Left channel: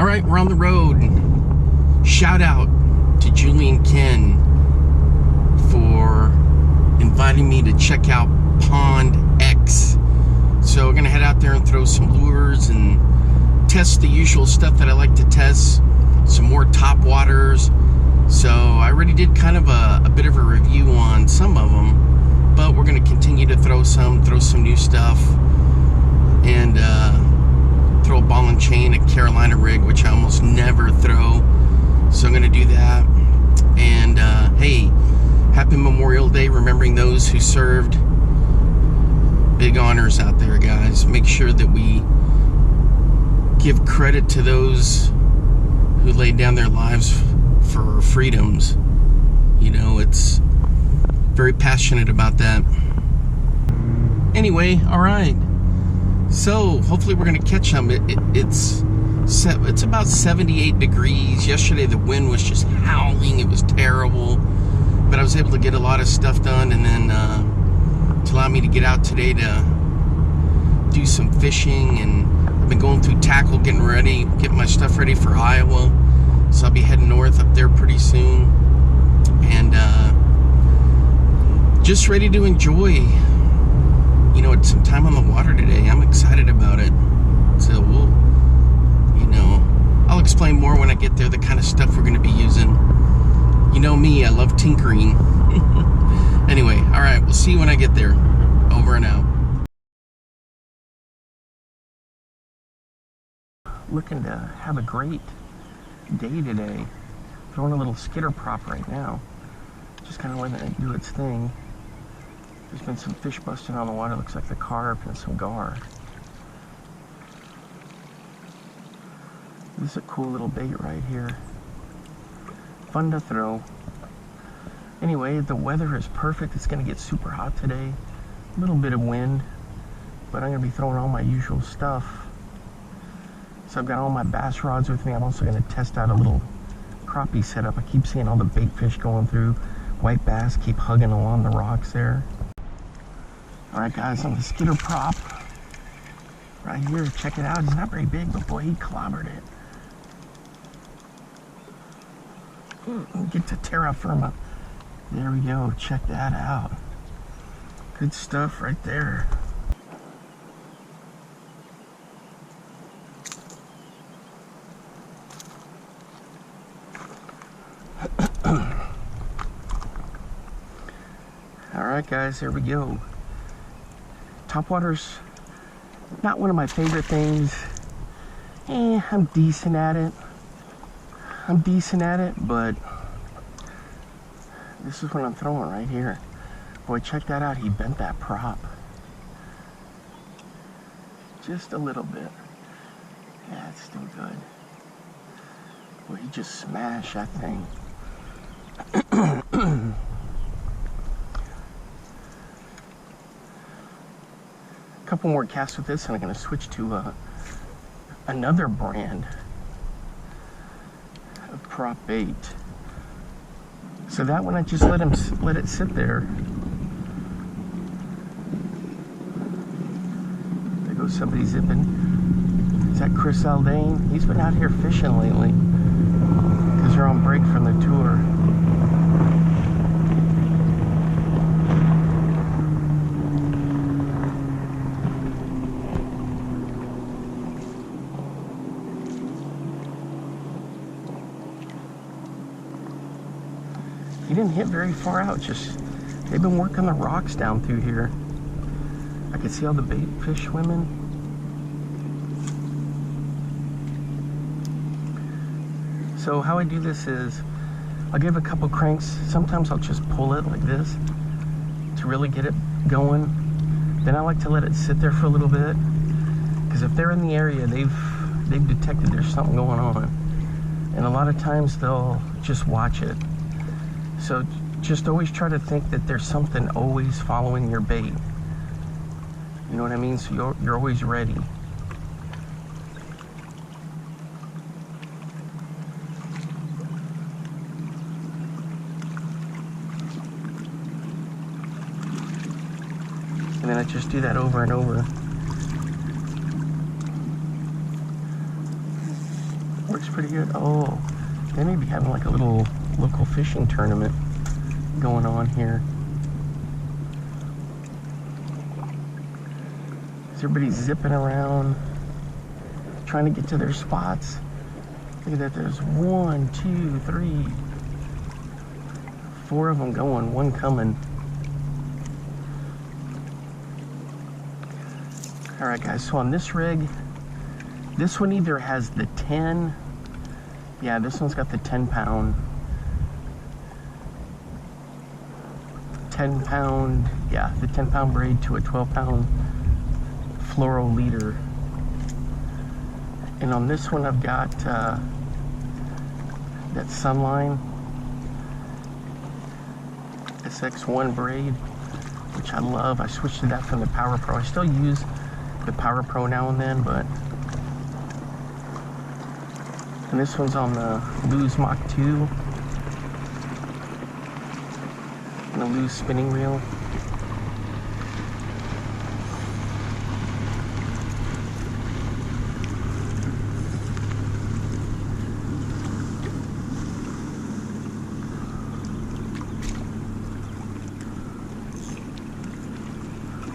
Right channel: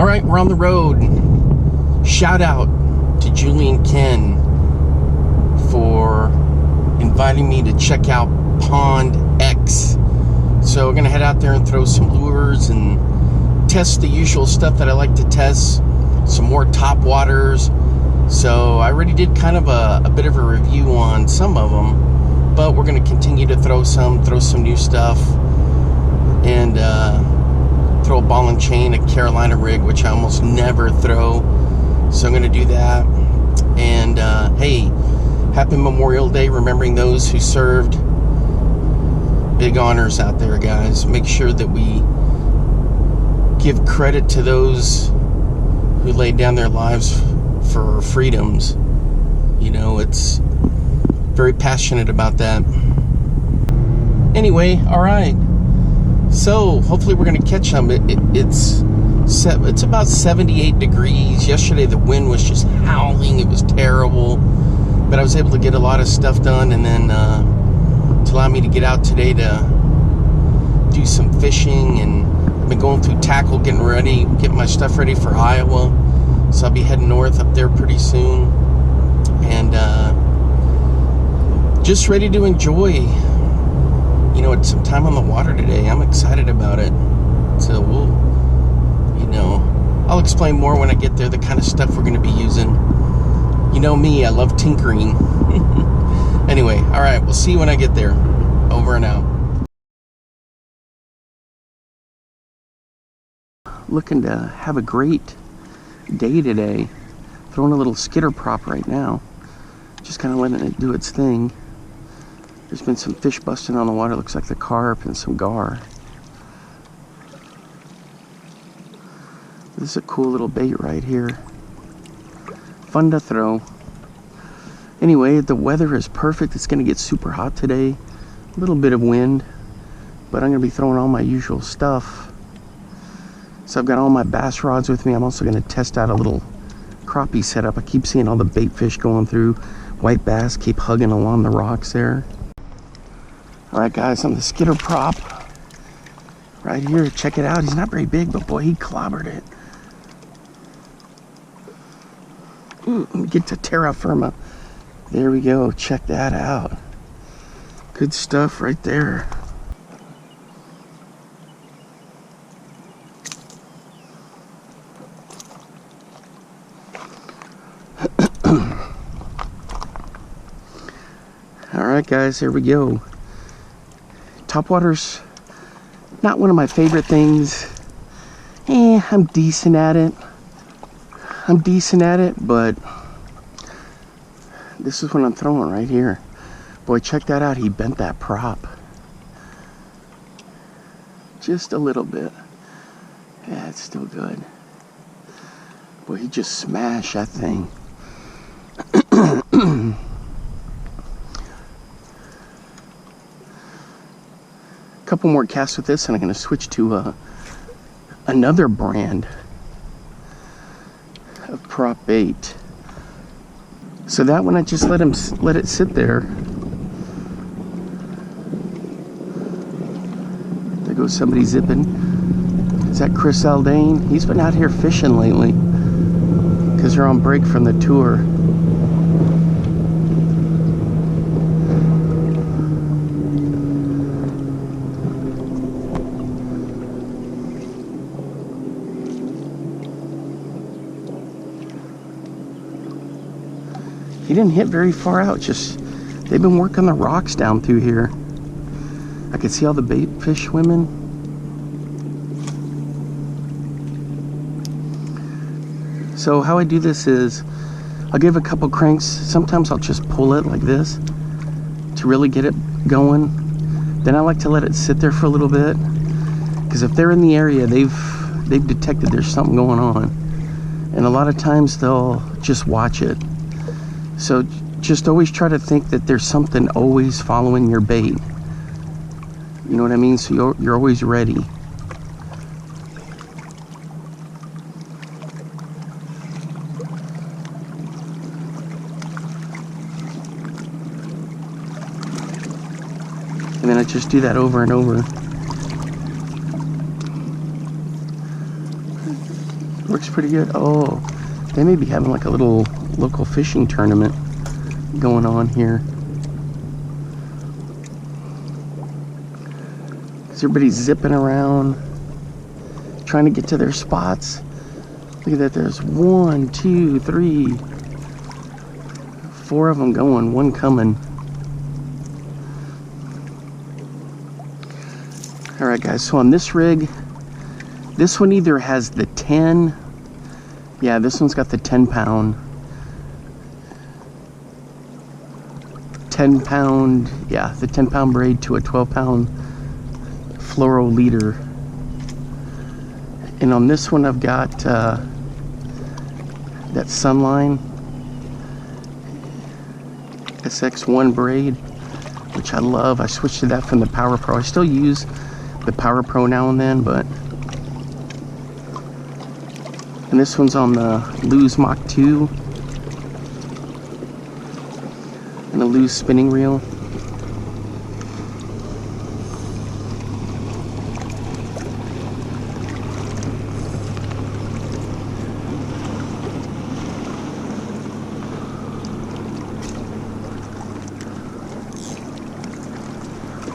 All right, we're on the road. Shout out to Julian Ken for inviting me to check out Pond X. So we're gonna head out there and throw some lures and test the usual stuff that I like to test. Some more top waters. So I already did kind of a bit of a review on some of them, but we're gonna continue to throw some new stuff, and throw a ball and chain, a Carolina rig, which I almost never throw. So I'm gonna do that. And hey, happy Memorial Day, remembering those who served. Big honors out there, guys. Make sure that we give credit to those who laid down their lives for our freedoms. You know, it's very passionate about that. Anyway, all right. So hopefully we're gonna catch them. It's about 78 degrees. Yesterday the wind was just howling. It was terrible, but I was able to get a lot of stuff done, and then to allow me to get out today to do some fishing. And I've been going through tackle, getting my stuff ready for Iowa. So I'll be heading north up there pretty soon, and just ready to enjoy, you know, some time on the water today. I'm excited about it. So we'll, you know, I'll explain more when I get there, the kind of stuff we're going to be using. You know me, I love tinkering. Anyway, all right, we'll see you when I get there. Over and out. Looking to have a great day today. Throwing a little skitter prop right now. Just kind of letting it do its thing. There's been some fish busting on the water. Looks like the carp and some gar. This is a cool little bait right here. Fun to throw. Anyway, the weather is perfect. It's going to get super hot today. A little bit of wind. But I'm going to be throwing all my usual stuff. So I've got all my bass rods with me. I'm also going to test out a little crappie setup. I keep seeing all the bait fish going through. White bass keep hugging along the rocks there. Alright guys, on the skitter prop right here, check it out. He's not very big, but boy, he clobbered it. Let me get to terra firma. There we go, check that out. Good stuff right there. Alright guys, here we go. Topwater's not one of my favorite things. I'm decent at it. But this is what I'm throwing right here. Boy, check that out. He bent that prop. Just a little bit. Yeah, it's still good. Boy, he just smashed that thing. Couple more casts with this, and I'm going to switch to another brand of prop bait. So that one I just let it sit there. There goes somebody zipping. Is that Chris Aldane? He's been out here fishing lately because they're on break from the tour. He didn't hit very far out, just they've been working the rocks down through here. I could see all the bait fish swimming. So how I do this is I'll give a couple cranks. Sometimes I'll just pull it like this to really get it going. Then I like to let it sit there for a little bit, because if they're in the area, they've detected there's something going on, and a lot of times they'll just watch it. So just always try to think that there's something always following your bait. You know what I mean? So you're always ready. And then I just do that over and over. Works pretty good. Oh, they may be having like a little local fishing tournament going on here. Everybody's zipping around, trying to get to their spots. Look at that, there's 1, 2, 3, 4 of them going, one coming. All right, guys, so on this rig, this one either has the 10, yeah, this one's got the 10 pound, yeah, the 10 pound braid to a 12 pound fluoro leader. And on this one, I've got that Sunline SX1 braid, which I love. I switched to that from the Power Pro. I still use the Power Pro now and then, but. And this one's on the Lew's Mach 2 and the Lew's spinning reel.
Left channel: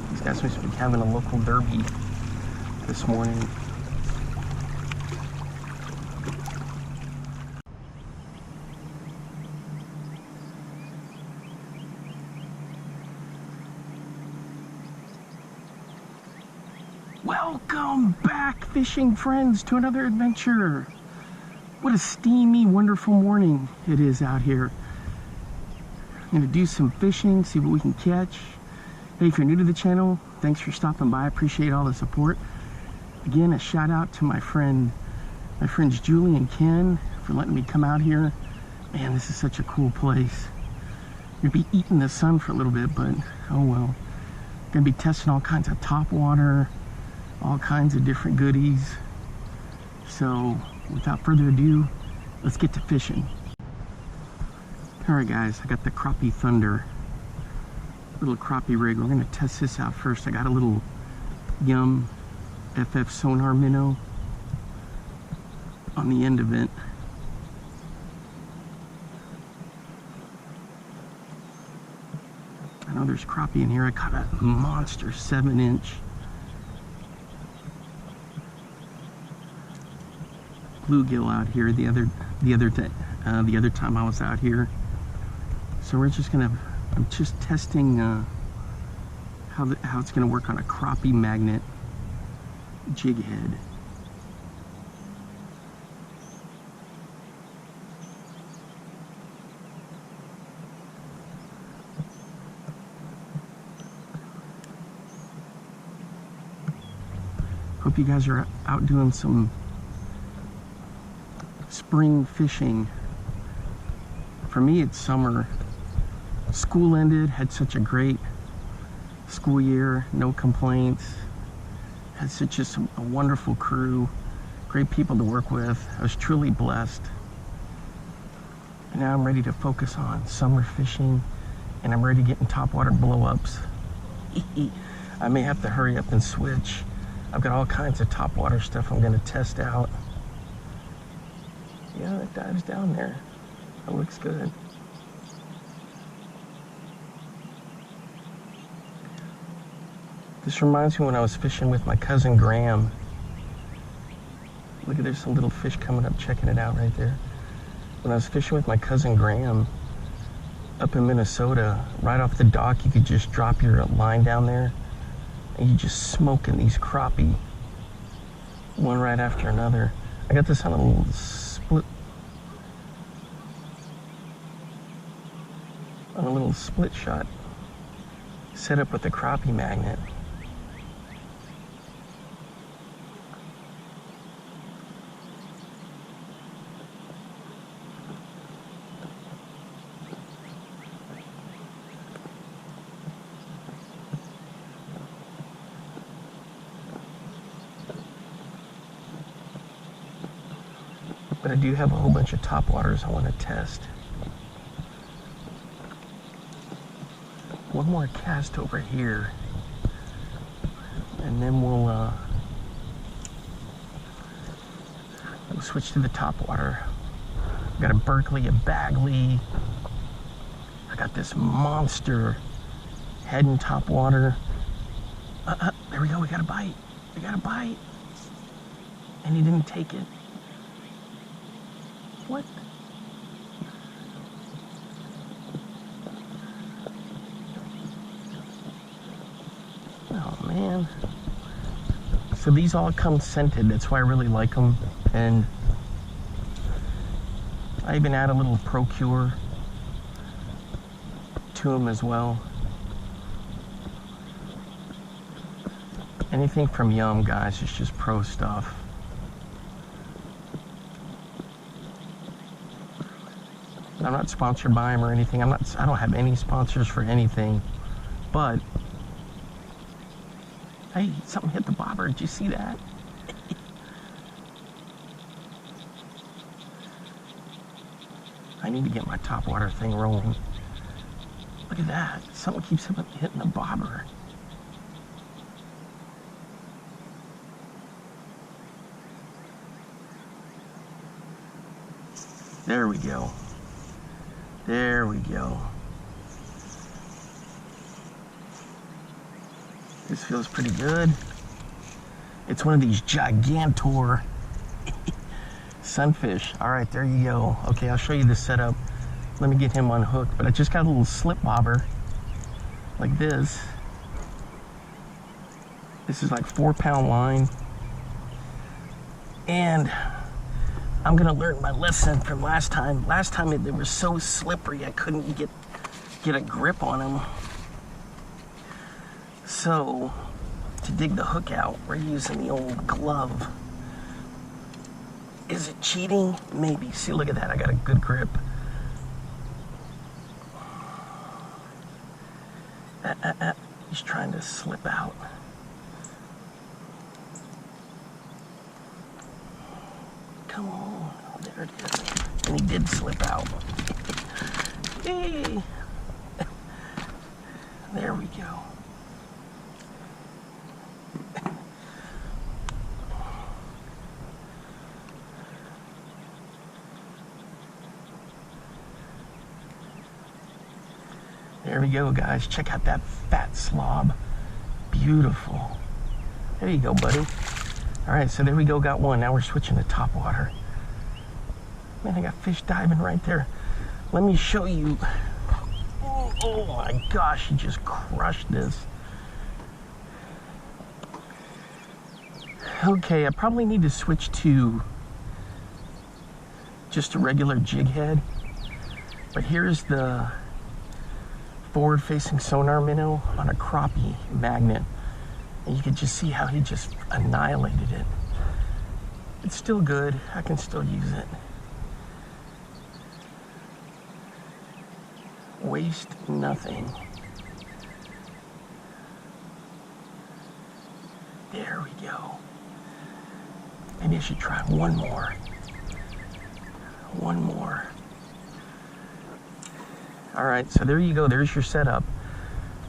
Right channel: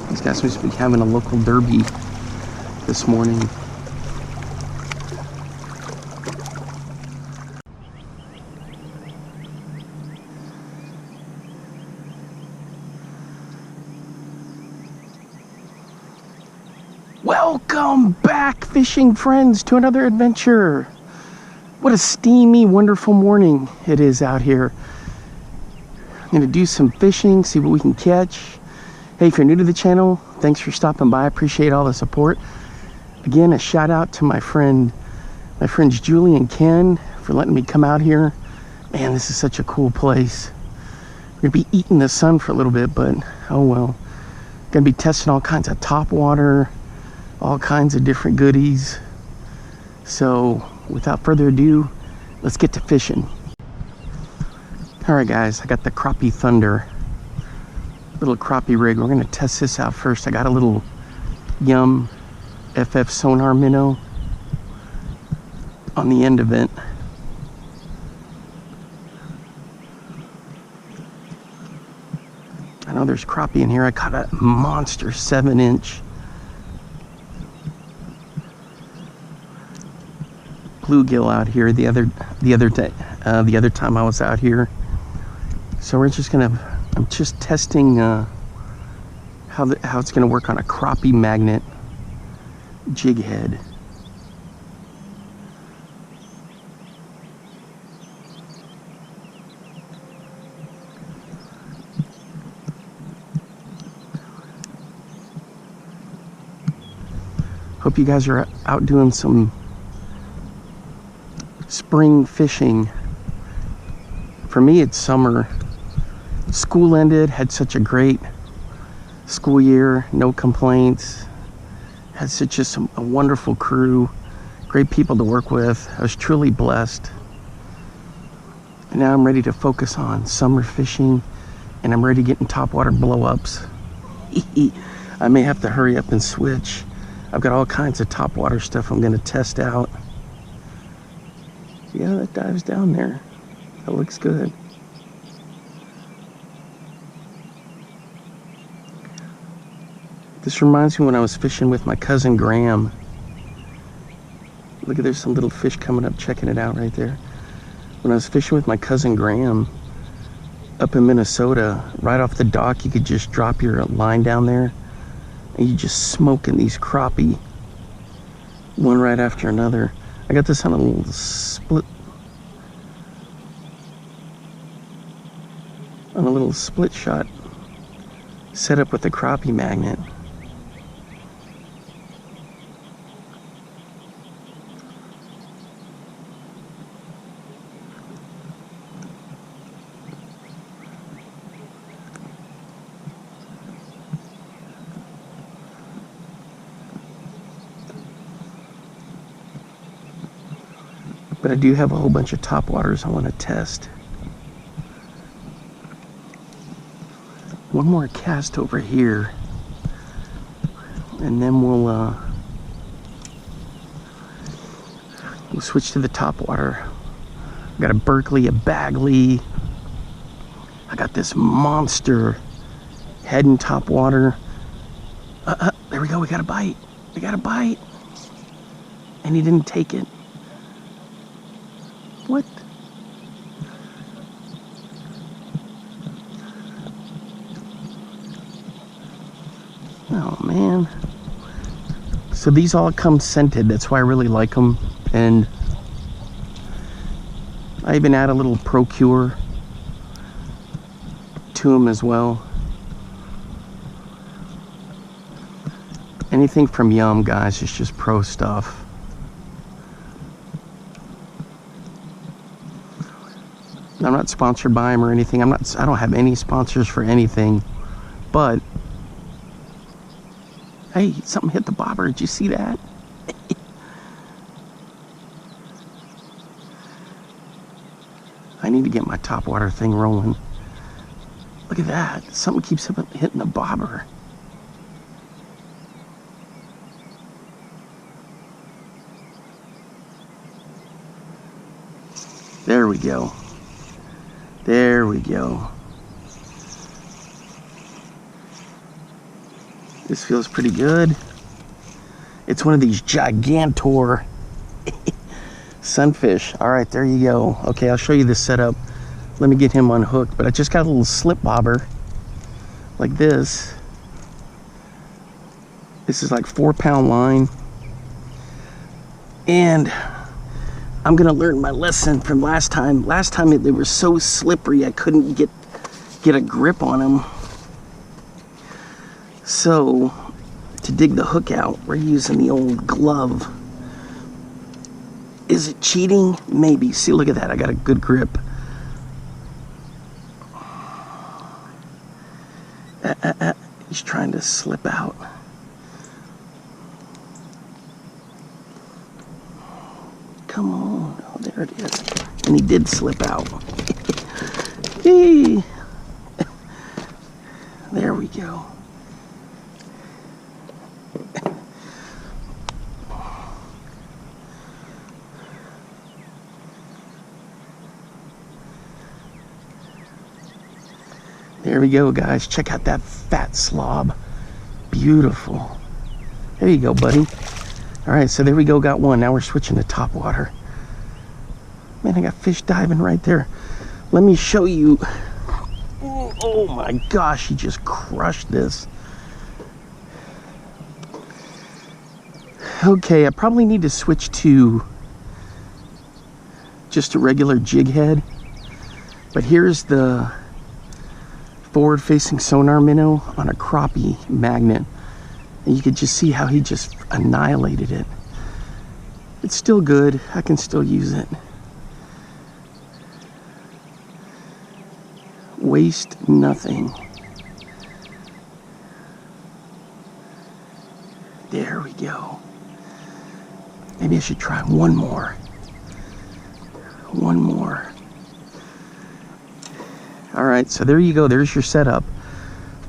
These guys must be having a local derby this morning. Welcome back, fishing friends, to another adventure. What a steamy, wonderful morning it is out here. I'm gonna do some fishing, see what we can catch. Hey, if you're new to the channel, thanks for stopping by. I appreciate all the support. Again, a shout out to my friends Julie and Ken for letting me come out here. Man, this is such a cool place. We're gonna be eating the sun for a little bit, but oh well. Gonna be testing all kinds of top water, all kinds of different goodies. So without further ado, let's get to fishing. All right, guys, I got the Crappie Thunder, little crappie rig. We're gonna test this out first. I got a little Yum FF sonar minnow on the end of it. I know there's crappie in here. I caught a monster 7-inch bluegill out here the other time I was out here. So we're just gonna, I'm just testing how it's gonna work on a crappie magnet jig head. Hope you guys are out doing some spring fishing. For me, it's summer. School ended, had such a great school year, no complaints. Had such a wonderful crew, great people to work with. I was truly blessed. And now I'm ready to focus on summer fishing, and I'm ready to get in topwater blow-ups. I may have to hurry up and switch. I've got all kinds of topwater stuff I'm gonna test out. Yeah, that dives down there. That looks good. This reminds me when I was fishing with my cousin Graham. Look at, there's some little fish coming up, checking it out right there. When I was fishing with my cousin Graham up in Minnesota, right off the dock, you could just drop your line down there and you just smoking these crappie, one right after another. I got this on a little split shot set up with the crappie magnet. But I do have a whole bunch of topwaters I want to test. One more cast over here, and then we'll We'll switch to the top water. I got a Berkley, a Bagley. I got this monster head and top water. There we go, we got a bite. We got a bite. And he didn't take it. What? Oh man. So these all come scented. That's why I really like them. And I even add a little Procure to them as well. Anything from Yum, guys, is just pro stuff. I'm not sponsored by them or anything. I don't have any sponsors for anything. But hey, something hit the bobber. Did you see that? I need to get my top water thing rolling. Look at that. Something keeps hitting the bobber. There we go. There we go. This feels pretty good. It's one of these gigantor sunfish. All right, there you go. Okay, I'll show you the setup. Let me get him unhooked. But I just got a little slip bobber like this. This is like 4-pound line. And I'm gonna learn my lesson from last time. Last time they were so slippery I couldn't get a grip on them. So to dig the hook out, we're using the old glove. Is it cheating? Maybe. See, look at that. I got a good grip. He's trying to slip out. Come on. Oh, there it is. And he did slip out. Hey. There we go. There we go, guys. Check out that fat slob. Beautiful. There you go, buddy. All right, so there we go. Got one. Now we're switching to top water. Man, I got fish diving right there. Let me show you. Oh my gosh, he just crushed this. Okay, I probably need to switch to just a regular jig head. But here's the forward-facing sonar minnow on a crappie magnet. And you could just see how he just annihilated it. It's still good. I can still use it. Waste nothing. There we go. Maybe I should try one more. One more. All right, so there you go. There's your setup.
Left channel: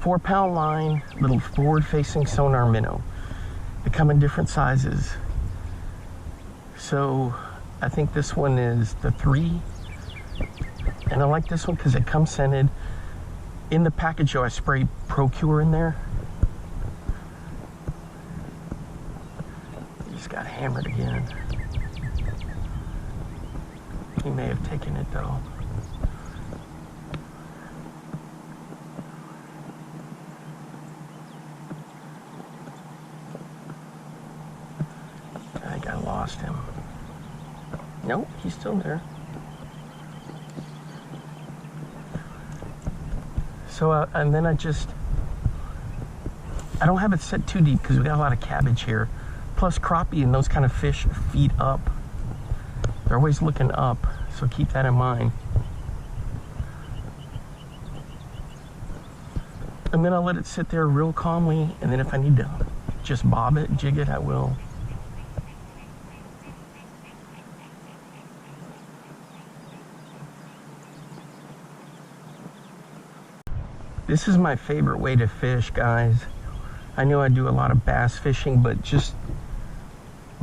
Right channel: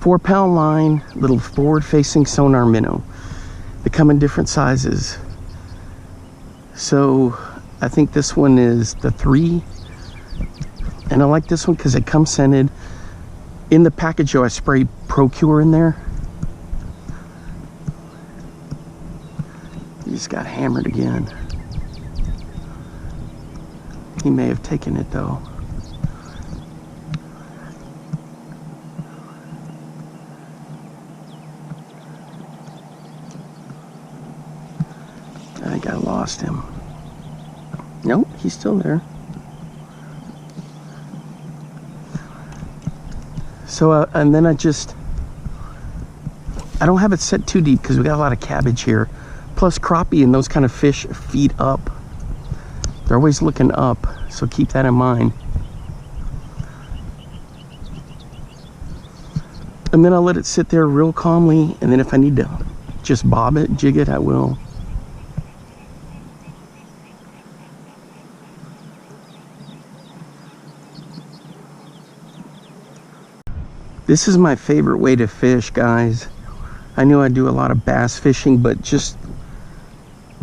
4-pound line, little forward-facing sonar minnow. They come in different sizes. So I think this one is the 3. And I like this one because it comes scented. In the package, though, I sprayed Procure in there. He just got hammered again. He may have taken it, though. I think I lost him. Nope, he's still there. So, and then I don't have it set too deep because we got a lot of cabbage here. Plus crappie and those kind of fish feed up. They're always looking up, so keep that in mind. And then I'll let it sit there real calmly, and then if I need to just bob it, jig it, I will. This is my favorite way to fish, guys. I know I do a lot of bass fishing, but just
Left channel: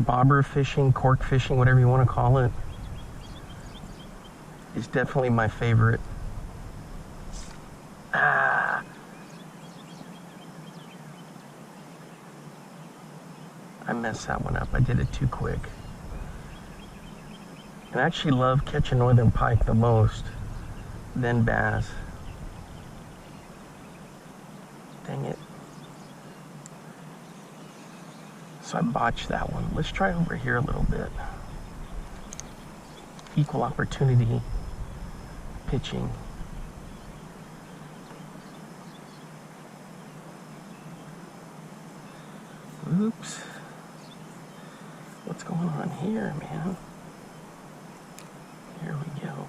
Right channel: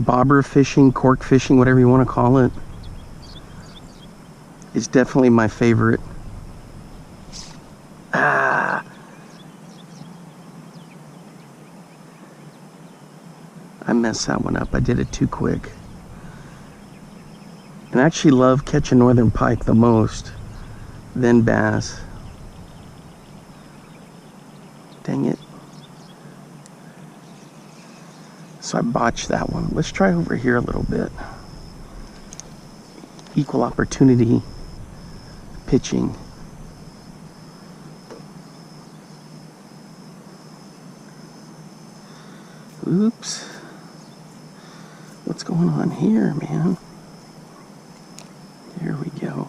bobber fishing, cork fishing, whatever you want to call it, is definitely my favorite. I messed that one up. I did it too quick. And I actually love catching northern pike the most, then bass. Dang it. So I botched that one. Let's try over here a little bit. Equal opportunity pitching. Oops. What's going on here, man? There we go.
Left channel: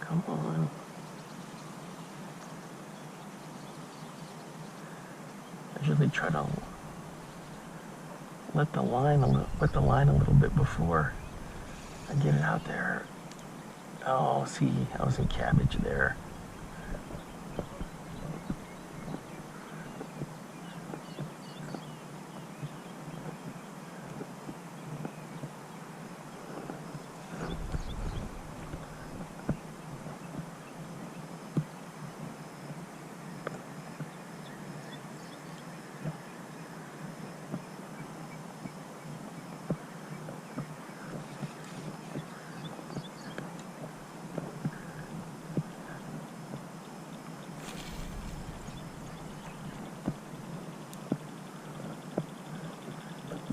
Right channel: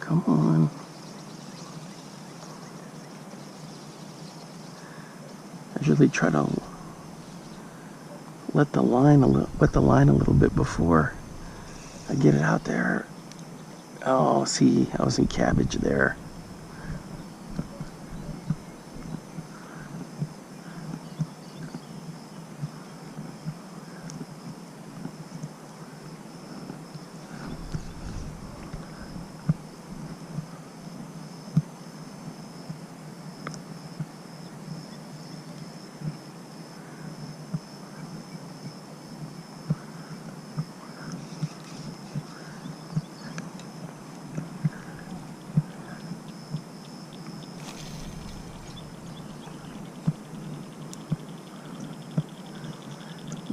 Come on. I usually try to wet the line a little bit before I get it out there. Oh, see, I was in cabbage there.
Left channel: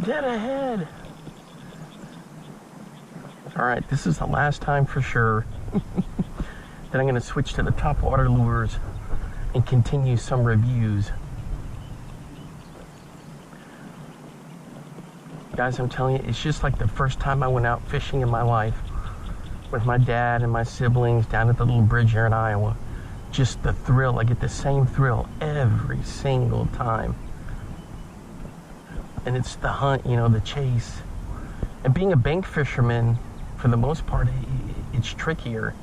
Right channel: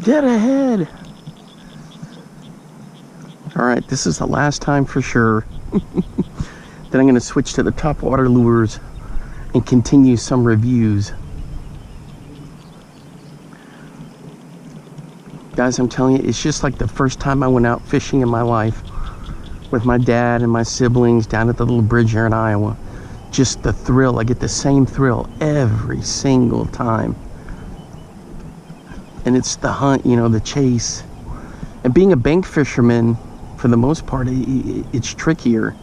Dead ahead. All right, this is the last time for sure. Then I'm going to switch to the top water lures and continue some reviews. Guys, I'm telling you, it's just like the first time I went out fishing in my life with my dad and my siblings down at the little bridge here in Iowa. Just the thrill. I get the same thrill every single time. And it's the hunt, you know, the chase. And being a bank fisherman, for the most part, it's trickier,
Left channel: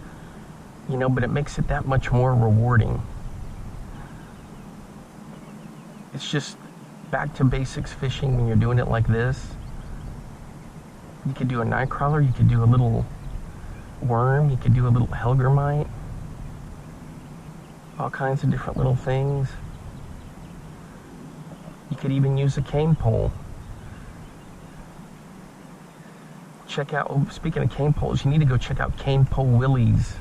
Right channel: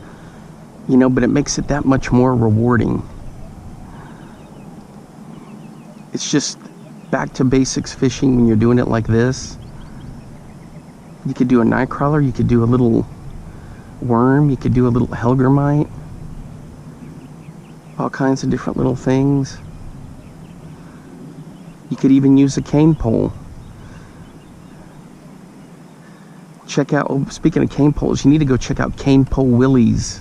you know, but it makes it that much more rewarding. It's just back to basics fishing when you're doing it like this. You could do a night crawler, you could do a little worm, you could do a little hellgrammite, all kinds of different little things. You could even use a cane pole. Check out, oh, speaking of cane poles, you need to go check out Cane Pole Willie's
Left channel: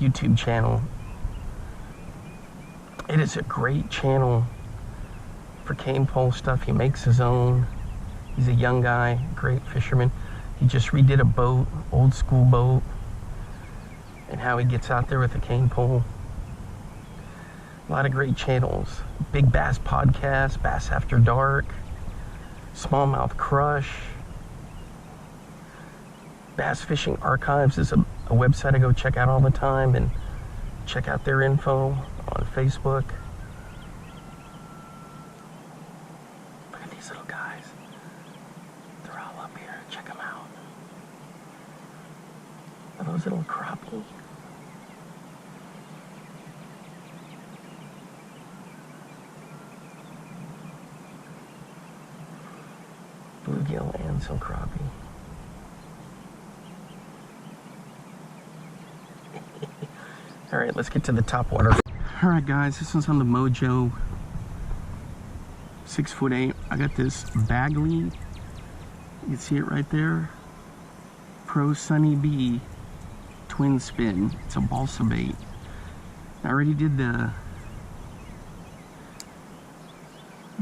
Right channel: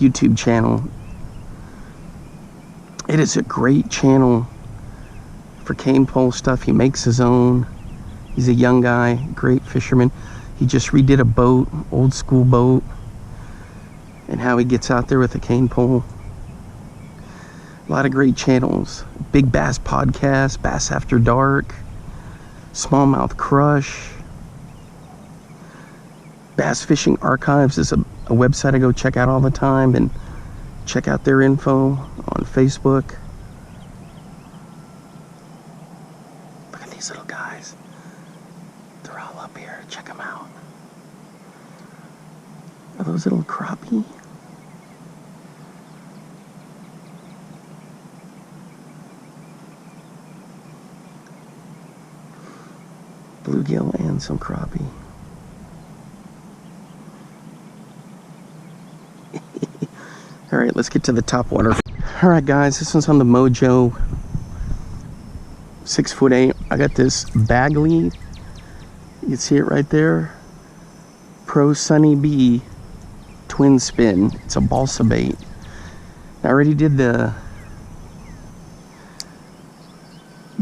YouTube channel. It is a great channel for cane pole stuff. He makes his own. He's a young guy, great fisherman. He just redid a boat, old school boat, and how he gets out there with a cane pole. A lot of great channels. Big Bass Podcast, Bass After Dark, Smallmouth Crush. Bass Fishing Archives is a website I go check out all the time, and check out their info on Facebook. Look at these little guys. They're all up here. Check them out. Are those little crappie? Bluegill and some crappie. All right, let's get to the top water. All right, guys, this one's on the Mojo 6'8". I got this Berkley. You can see it right there. Pro Sunny Bee twin spin. It's a balsa bait. I already did the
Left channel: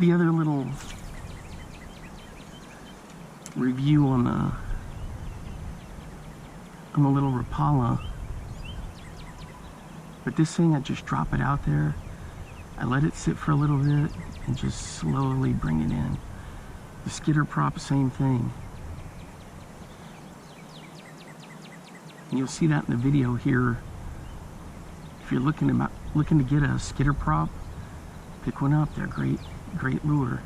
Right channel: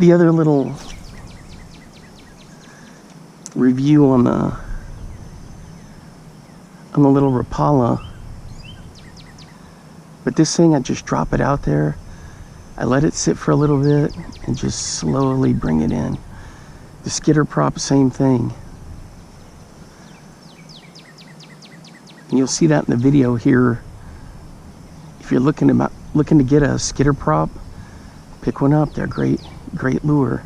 other little review on the little Rapala, but this thing, I just drop it out there, I let it sit for a little bit and just slowly bring it in. The skitter prop, same thing, and you'll see that in the video here. If you're looking to get a skitter prop, pick one up. They're great lure.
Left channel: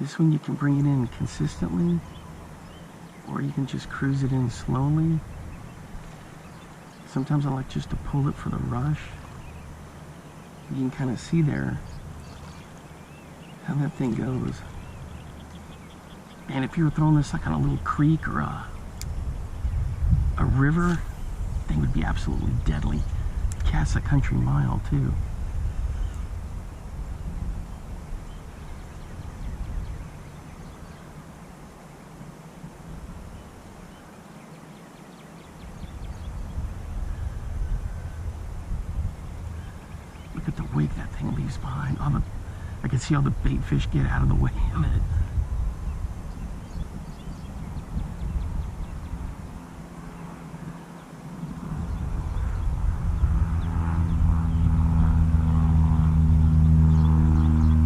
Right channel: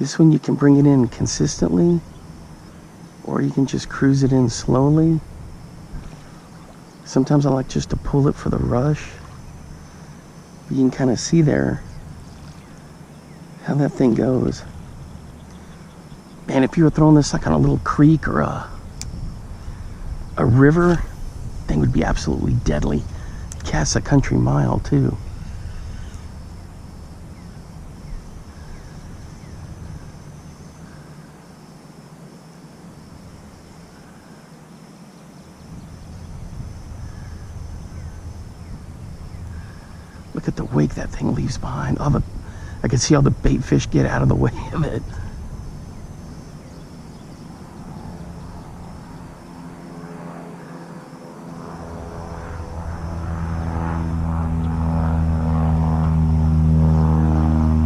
This one you can bring it in consistently, or you can just cruise it in slowly. Sometimes I like just to pull it for the rush. You can kind of see there how that thing goes. And if you were throwing this like on a little creek or a river, thing would be absolutely deadly. Casts a country mile too. Look at the wake that thing leaves behind. I can see all the bait fish get out of the way of it.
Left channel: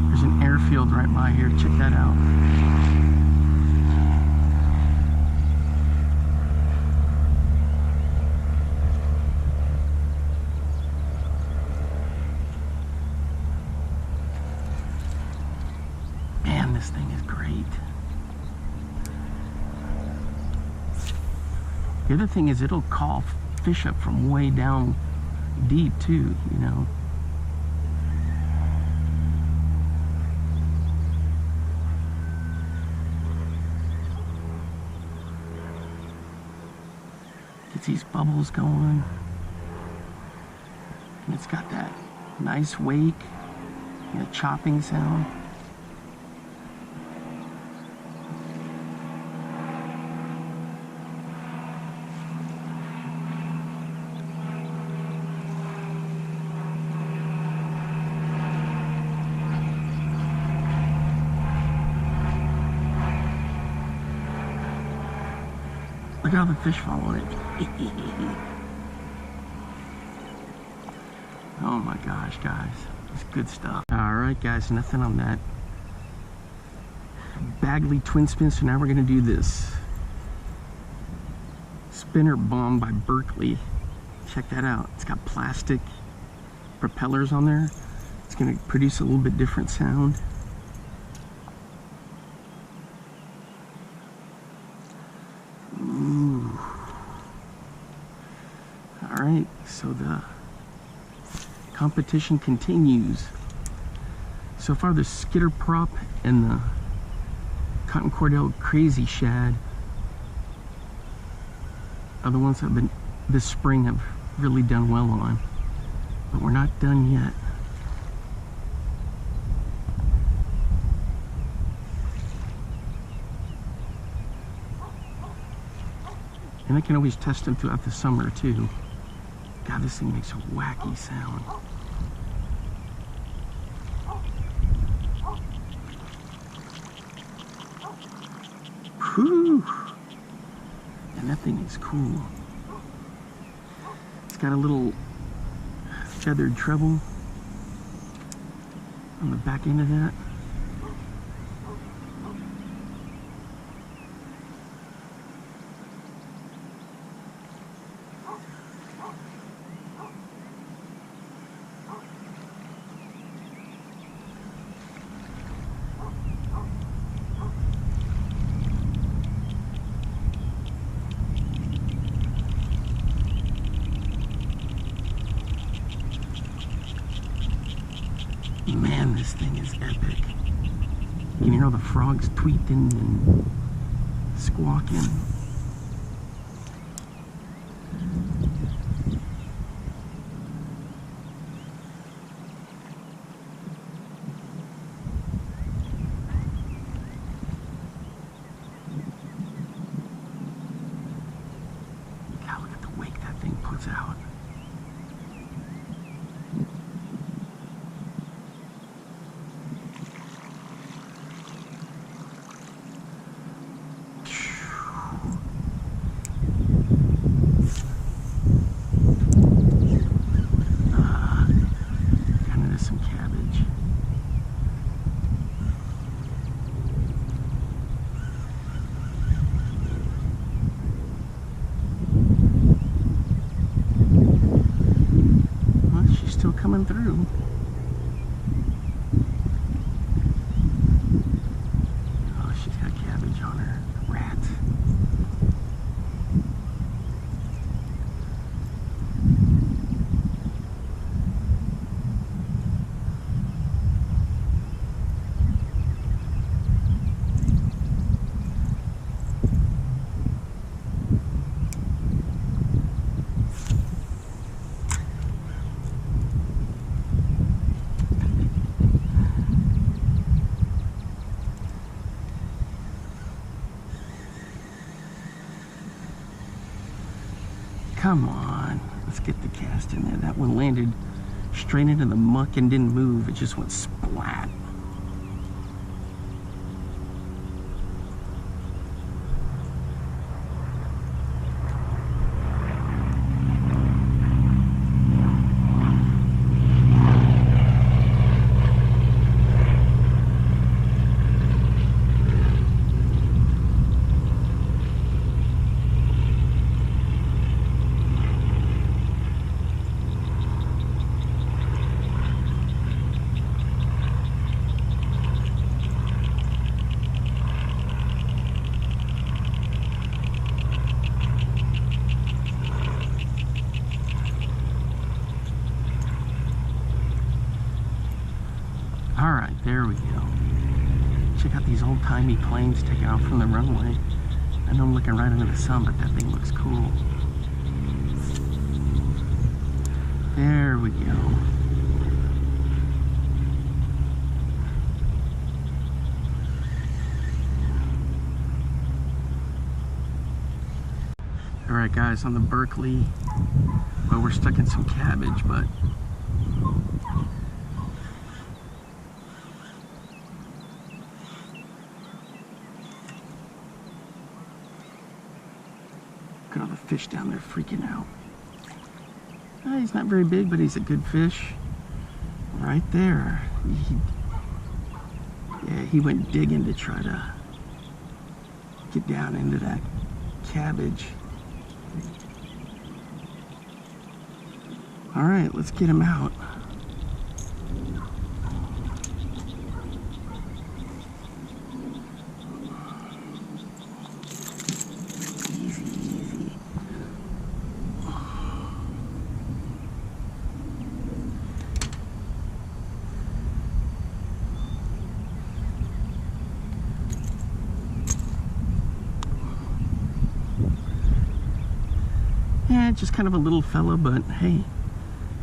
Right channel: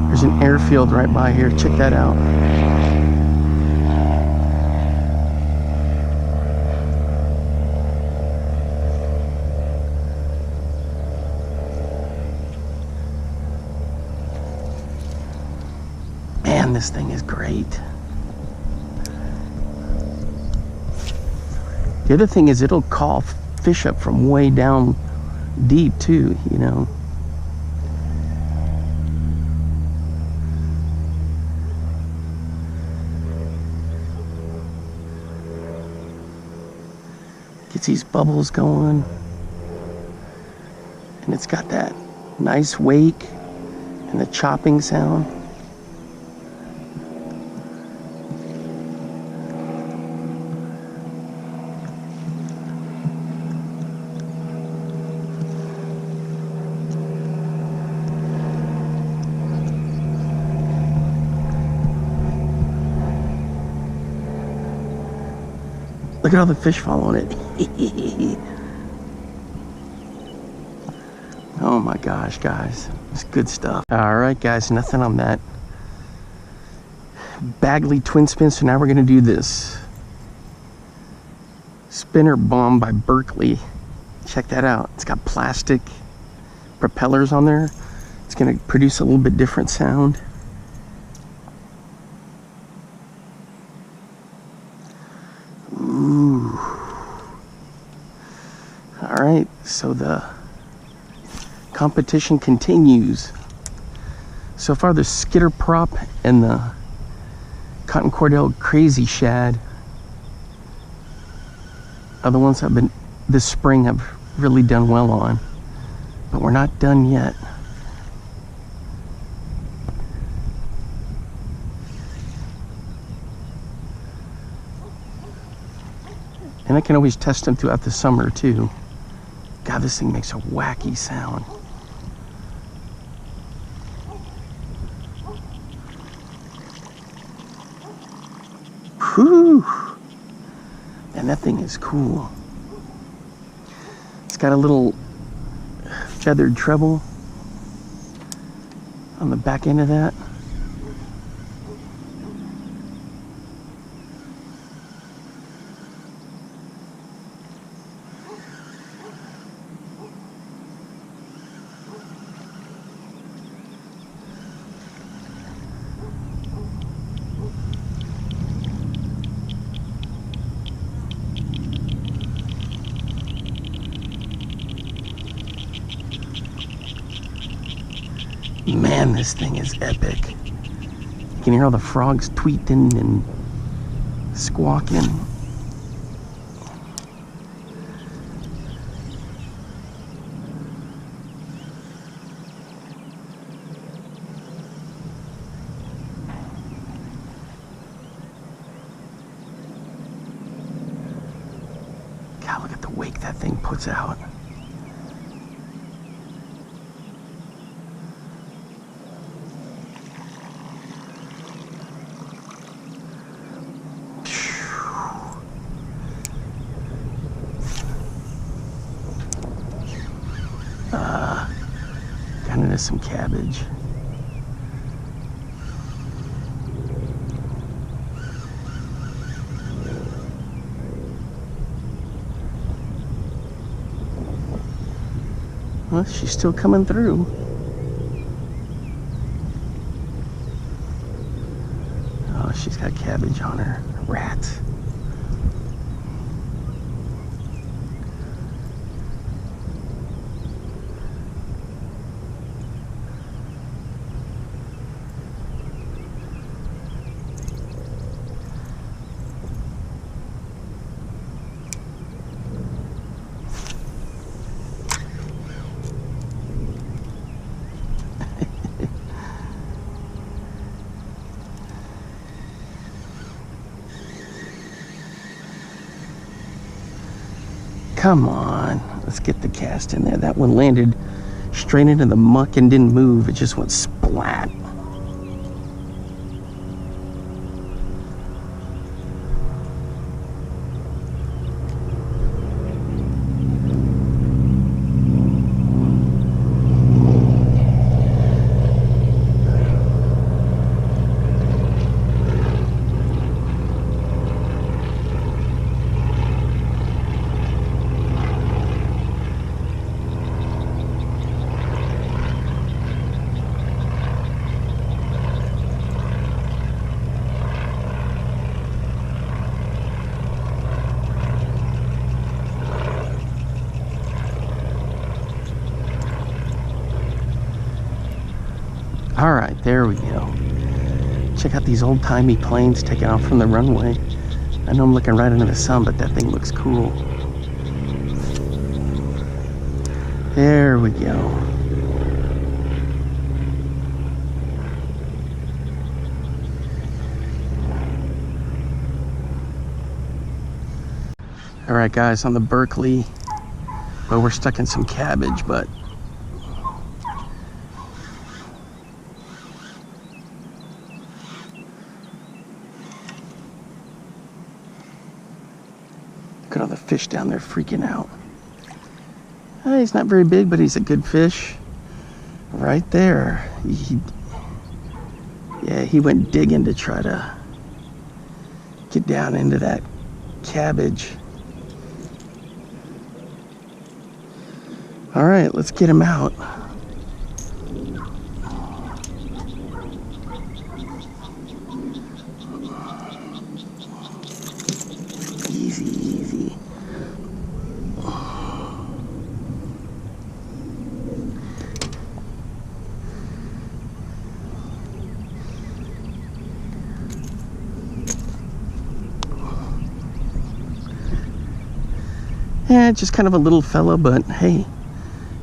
There's an airfield right by here. Check that out. Man, this thing is great. The other thing is it'll call fish up from way down deep too, you know. Gets these bubbles going, and it's got that nice wake and the chopping sound. Look at all the fish following it. Oh my gosh, guys. It's good stuff. Alright guys, nothing on that Berkley twin spin. So now we're gonna do this spinner bomb by Berkley. Check that out. It's got plastic propellers on there. It's gonna produce a little bit different sound. Ooh. All right, so the competition continues. So far, the Skitter Prop and the Cotton Cordell Crazy Shad are the ones I've been this spring have really done well on, but we're not done yet. And I can always test them throughout the summer too. God, this thing makes a wacky sound. Whew! And that thing is cool. It's got a little feathered treble on the back end of that. Man, this thing is epic. You can hear all the frogs tweeting and squawking. God, look at the wake that thing puts out. Some cabbage. Well, she's still coming through. Oh, she's got cabbage on her. Rat. Come on, let's get the cast in there. That one landed straight into the muck and didn't move. It just went splat. All right, there we go. Check out these old-timey planes taking off from the runway. I know I'm looking right into the sun, but that thing looks cool. There we go. All right, guys, on the Berkley, well, we're stuck in some cabbage, but look at all the fish down there freaking out. He's not very big, but he's a good fish. Right there. Yeah, he went digging to try to get down into that cabbage. All right, let's get him out. Easy, easy. Yeah, just kind of a little fella, but hey,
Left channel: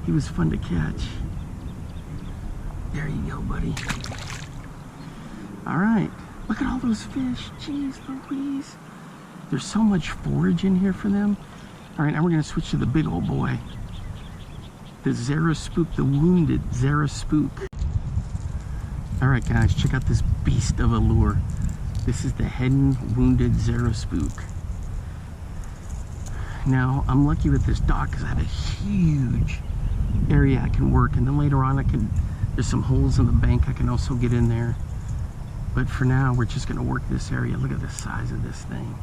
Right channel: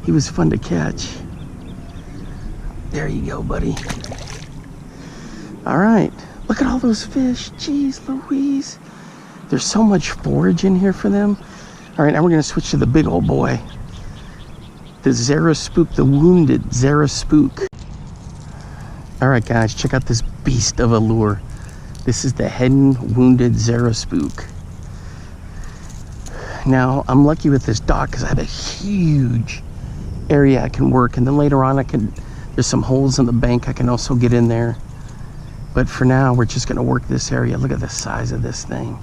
he was fun to catch. There you go, buddy. All right, look at all those fish. Jeez Louise. There's so much forage in here for them. All right, now we're gonna switch to the big old boy. The Zara Spook, the wounded Zara Spook. All right, guys, check out this beast of a lure. This is the Heddon Wounded Zara Spook. Now, I'm lucky with this dock because I have a huge area I can work, and then later on there's some holes in the bank I can also get in there. But for now, we're just gonna work this area. Look at the size of this thing.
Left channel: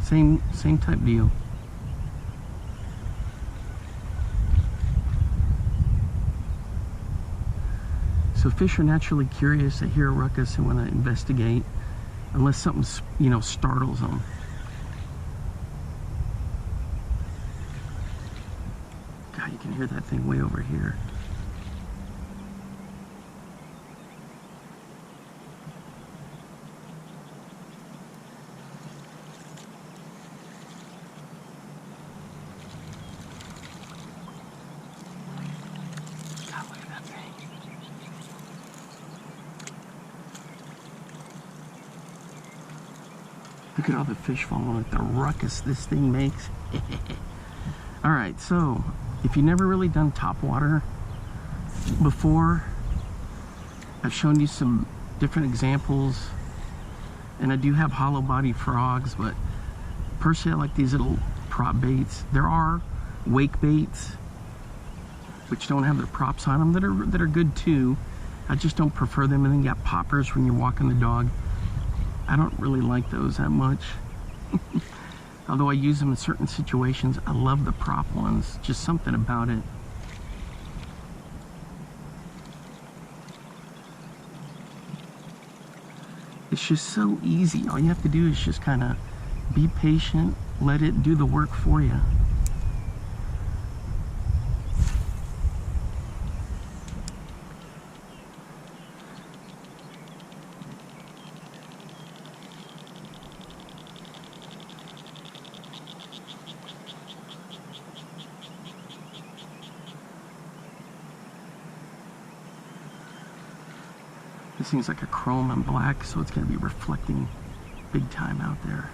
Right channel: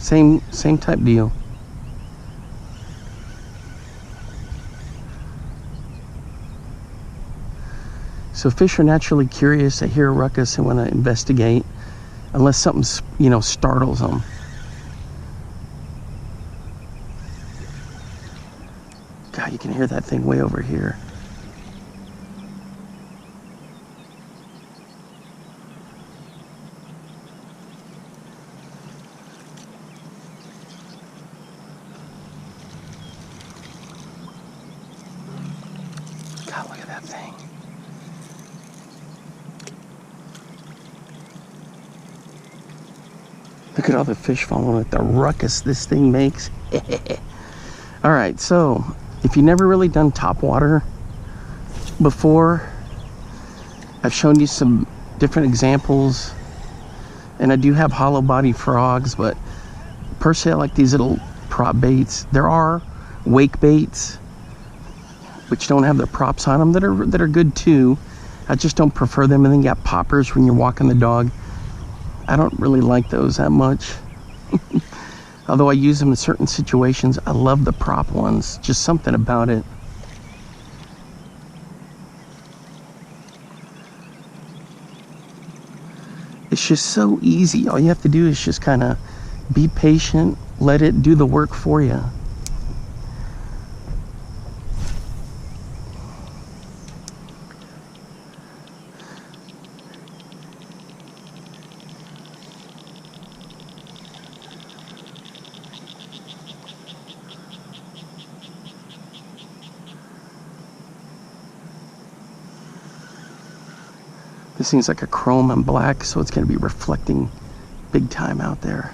Same type deal. So fish are naturally curious. They hear a ruckus and want to investigate, unless something, you know, startles them. God, you can hear that thing way over here. God, look at that thing. Look at all the fish following it, the ruckus this thing makes. All right, so if you've never really done topwater before, I've shown you some different examples, and I do have hollow body frogs, but personally I like these little prop baits. There are wake baits which don't have the props on them that are good too. I just don't prefer them. And then you got poppers when you're walking the dog. I don't really like those that much. Although I use them in certain situations, I love the prop ones. Just something about it. It's just so easy. All you have to do is just kind of be patient, let it do the work for you. This thing's like a chrome and black, so it's going to be reflecting big time out there.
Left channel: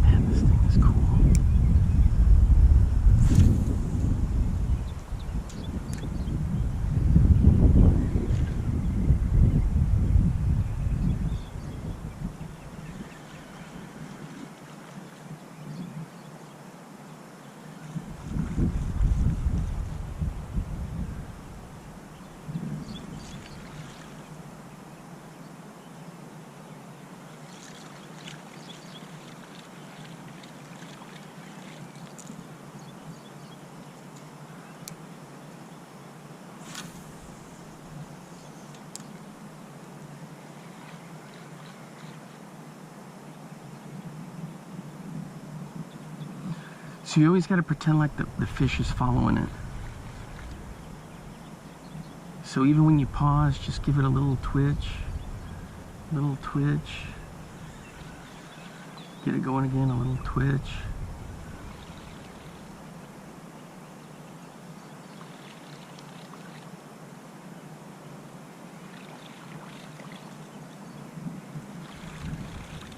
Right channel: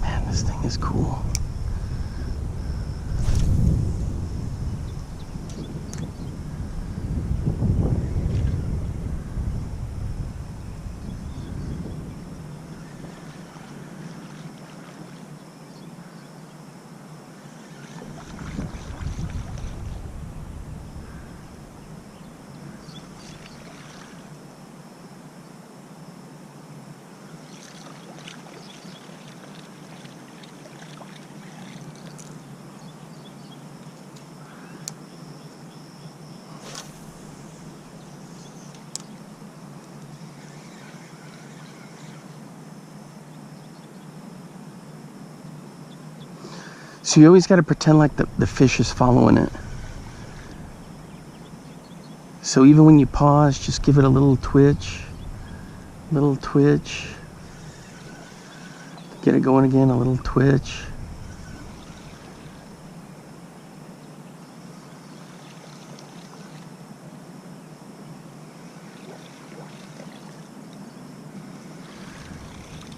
Man, this thing is cool. So you always got to pretend like the fish is following it. So even when you pause, just give it a little twitch. Little twitch. Get it going again, a little twitch.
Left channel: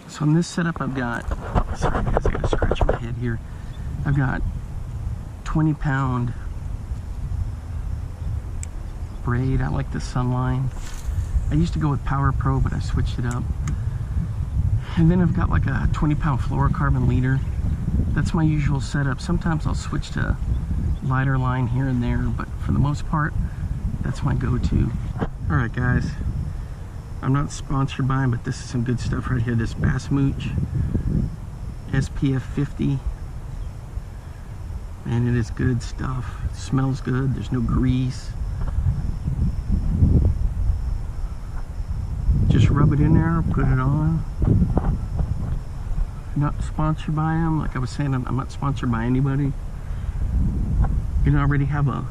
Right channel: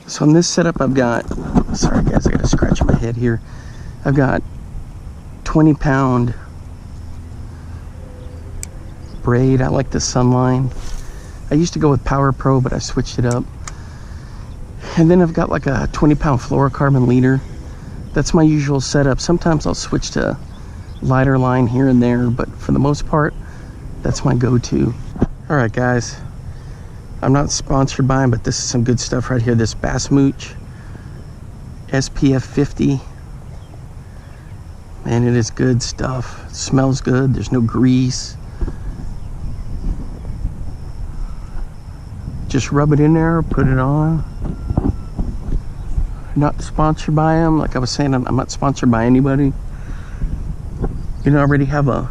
So on this setup I've got, sorry guys, I gotta scratch my head here. I've got 20-pound braid. I like the Sunline. I used to go with Power Pro, but I switched it up. And then I've got like a 20-pound fluorocarbon leader. That's my usual setup. Sometimes I'll switch to lighter line here and there, but for the most part, that's my go-to. All right, guys. I'm not sponsored by them, but this is some good stuff right here. This Bass Mooch SPF 50. And it is good stuff. It smells good. There's no grease. Just rub it in there, put it on. Not sponsored by them. Like I was saying, I'm not sponsored by anybody. You know, I already have a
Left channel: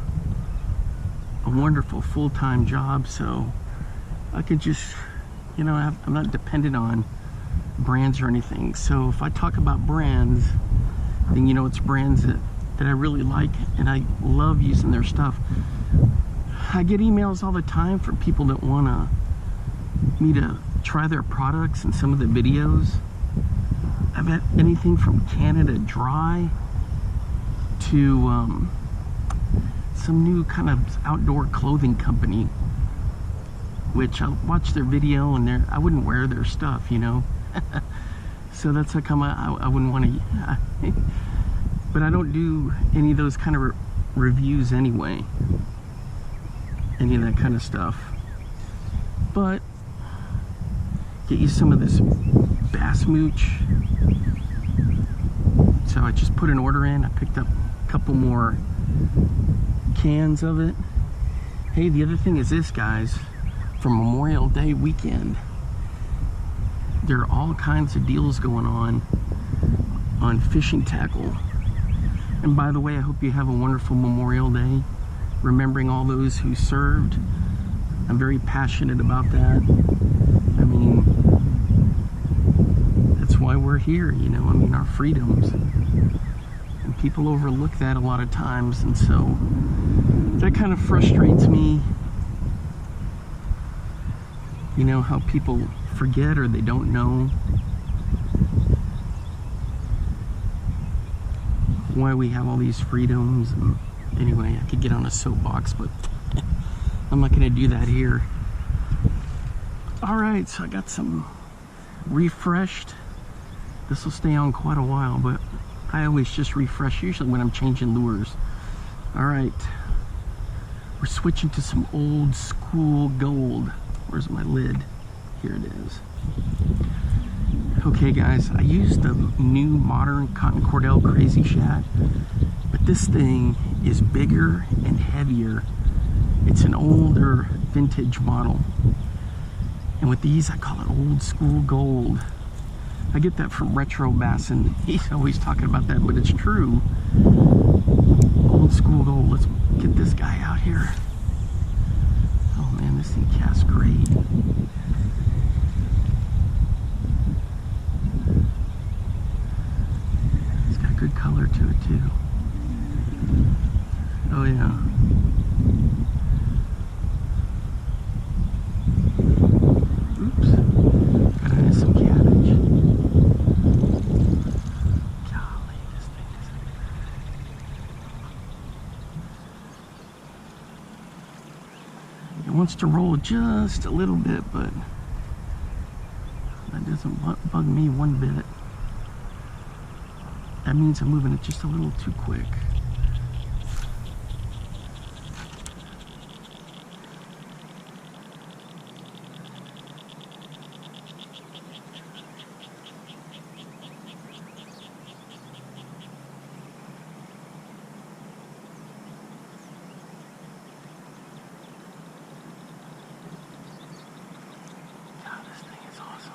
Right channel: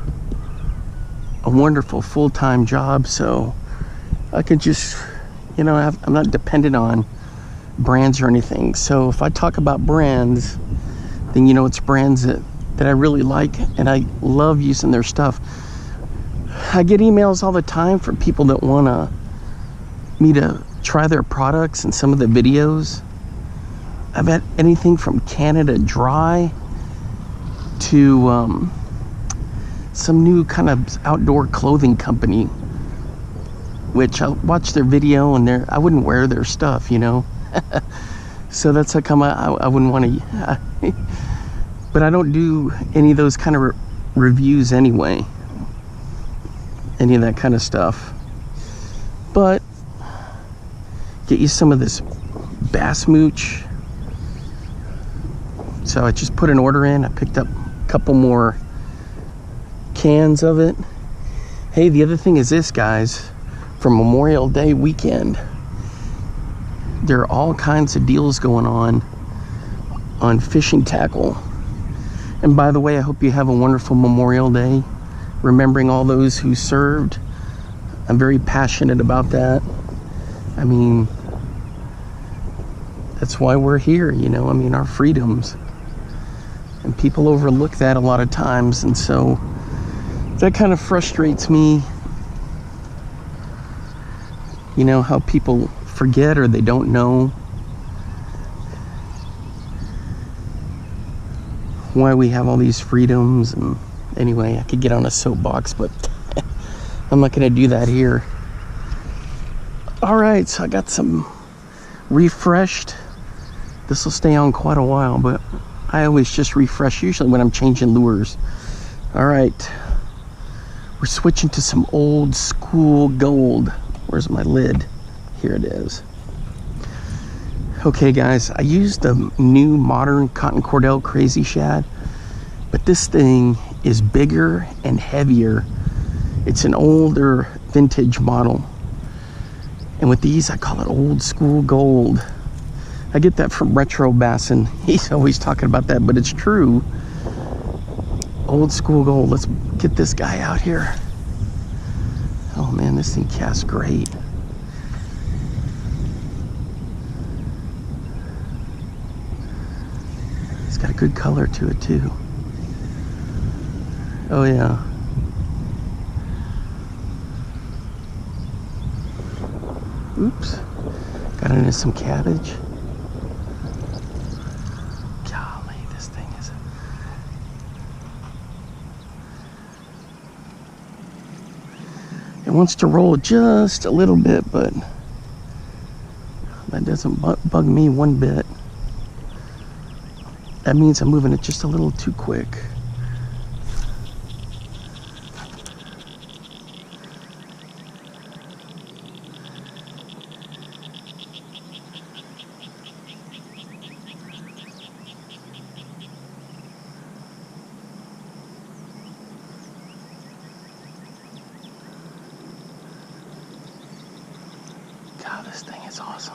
wonderful full-time job, so I can just, you know, I'm not dependent on brands or anything. So if I talk about brands, then you know it's brands that I really like, and I love using their stuff. I get emails all the time from people that want me to try their products and some of the videos. I've had anything from Canada Dry to some new kind of outdoor clothing company, which I'll watch their video and I wouldn't wear their stuff, you know. So that's how come I wouldn't want to. But I don't do any of those kind of reviews anyway. Any of that kind of stuff. But get you some of this Bass Mooch. So I just put an order in. I picked up a couple more cans of it. Hey, the other thing is this, guys. For Memorial Day weekend, there are all kinds of deals going on fishing tackle. And by the way, I hope you have a wonderful Memorial Day, remembering all those who served. I'm very passionate about that. I mean, that's why we're here, you know, I mean, our freedoms. And people overlook that a lot of times, and so that kind of frustrates me. You know, how people forget or they don't know why we have all these freedoms. And anyway, I could get on a soapbox, but I'm not gonna do that here. All right, so I got some refreshed. This will stay on quite a while, but I always just refresh usually when I'm changing lures. All right, we're switching to some old school gold. Where's my lid? Here it is. Okay guys, I used the new modern Cotton Cordell Crazy Shad, but this thing is bigger and heavier. It's an older vintage model. And with these, I call it old school gold. I get that from Retro Bassin. He's always talking about that, but it's true. Old school gold. Let's get this guy out here. Oh man, this thing casts great. It's got a good color to it too. Oh yeah. Oops. Got into some cabbage. Golly, this thing is... It wants to roll just a little bit, but that doesn't bug me one bit. That means I'm moving it just a little too quick. God, this thing is awesome.